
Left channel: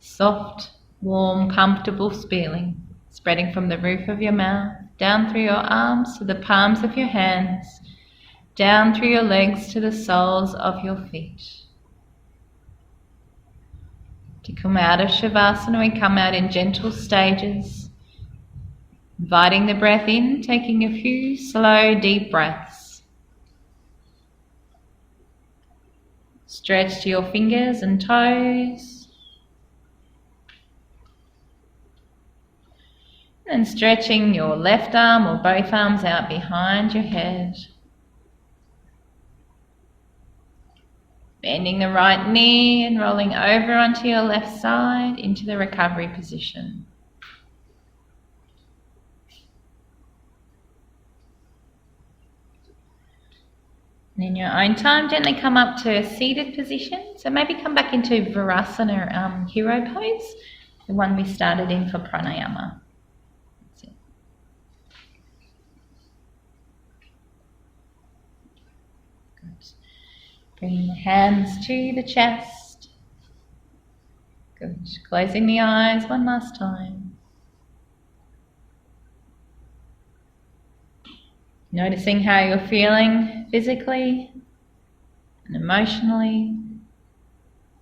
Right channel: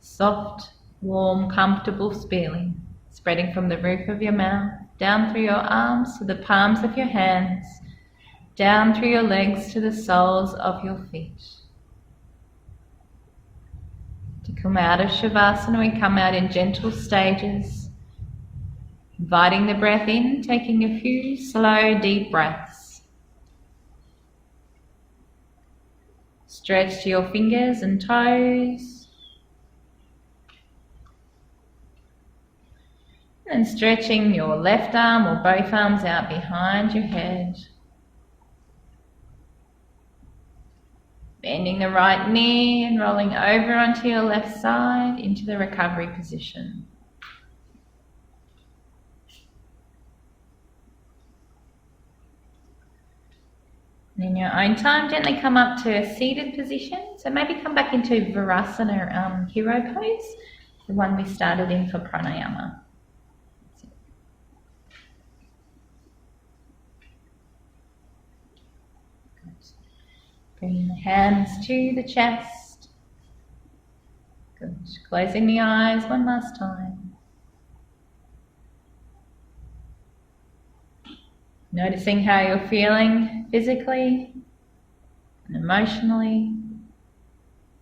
Soft, warm, comfortable feeling spreading from the roof of your mouth, down through your arms to the palms of your hands, down through your legs to the soles of your feet. To come out of Shavasana, we come out in gentle stages, inviting the breath in, taking a few slow, deep breaths. Stretch to your fingers and toes. And stretching your left arm or both arms out behind your head. Bending the right knee and rolling over onto your left side into the recovery position. And in your own time, gently come up to a seated position. So maybe come back into Virasana hero pose, the one we started in for pranayama. That's it. Good. Bringing the hands to the chest. Good. Closing the eyes one last time. Noticing how you're feeling physically and emotionally,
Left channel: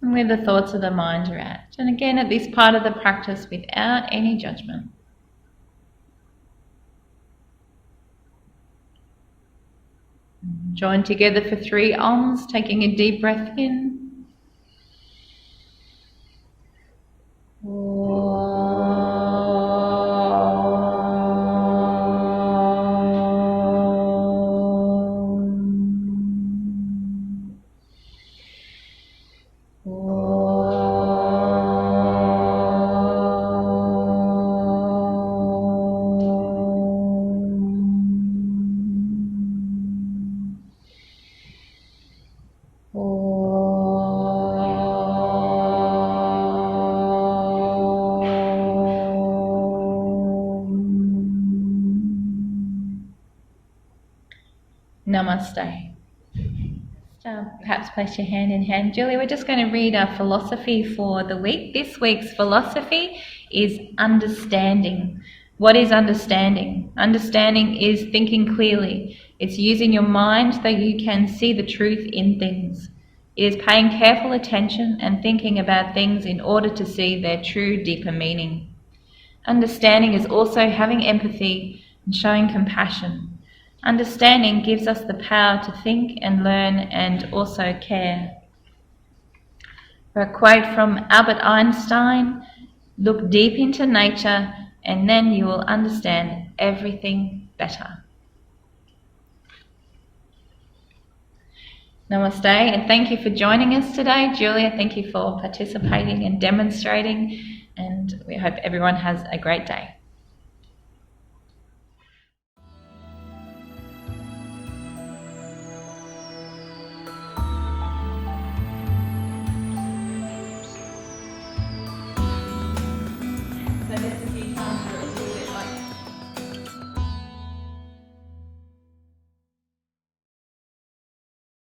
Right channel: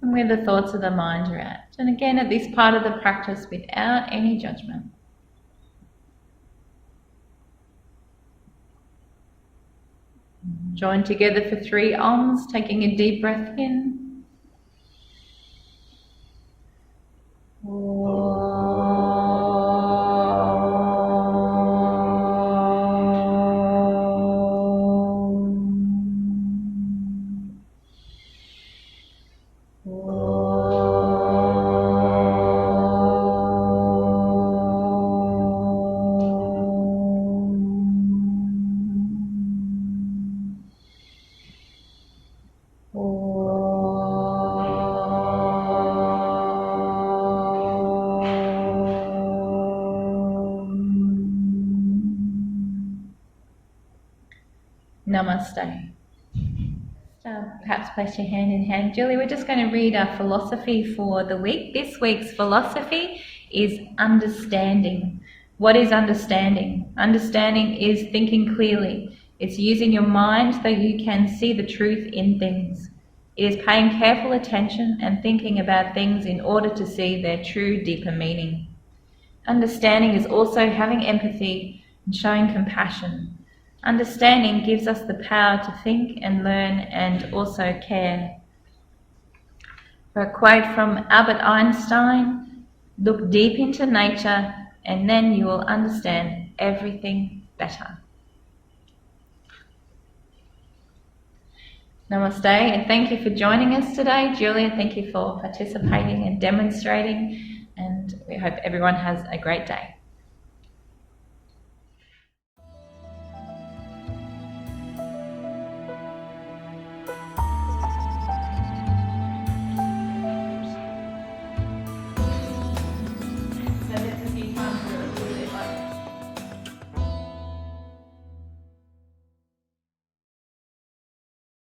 and where the thoughts of the mind are at. And again, at this part of the practice, without any judgment. Join together for 3 Oms, taking a deep breath in. Namaste. So perhaps place your hand in hand. Julie, we're just going to read our philosophy for the week. This week's philosophy is understanding. What is understanding? Understanding is thinking clearly. It's using your mind so you can see the truth in things. It is paying careful attention and thinking about things in order to see their true, deeper meaning. Understanding is also having empathy and showing compassion. Understanding gives us the power to think and learn and also care. For a quote from Albert Einstein, look deep into nature and then you will understand everything better. Namaste, and thank you for joining us today. Julia, thank you for participating and demonstrating, and we hope everyone has a great day.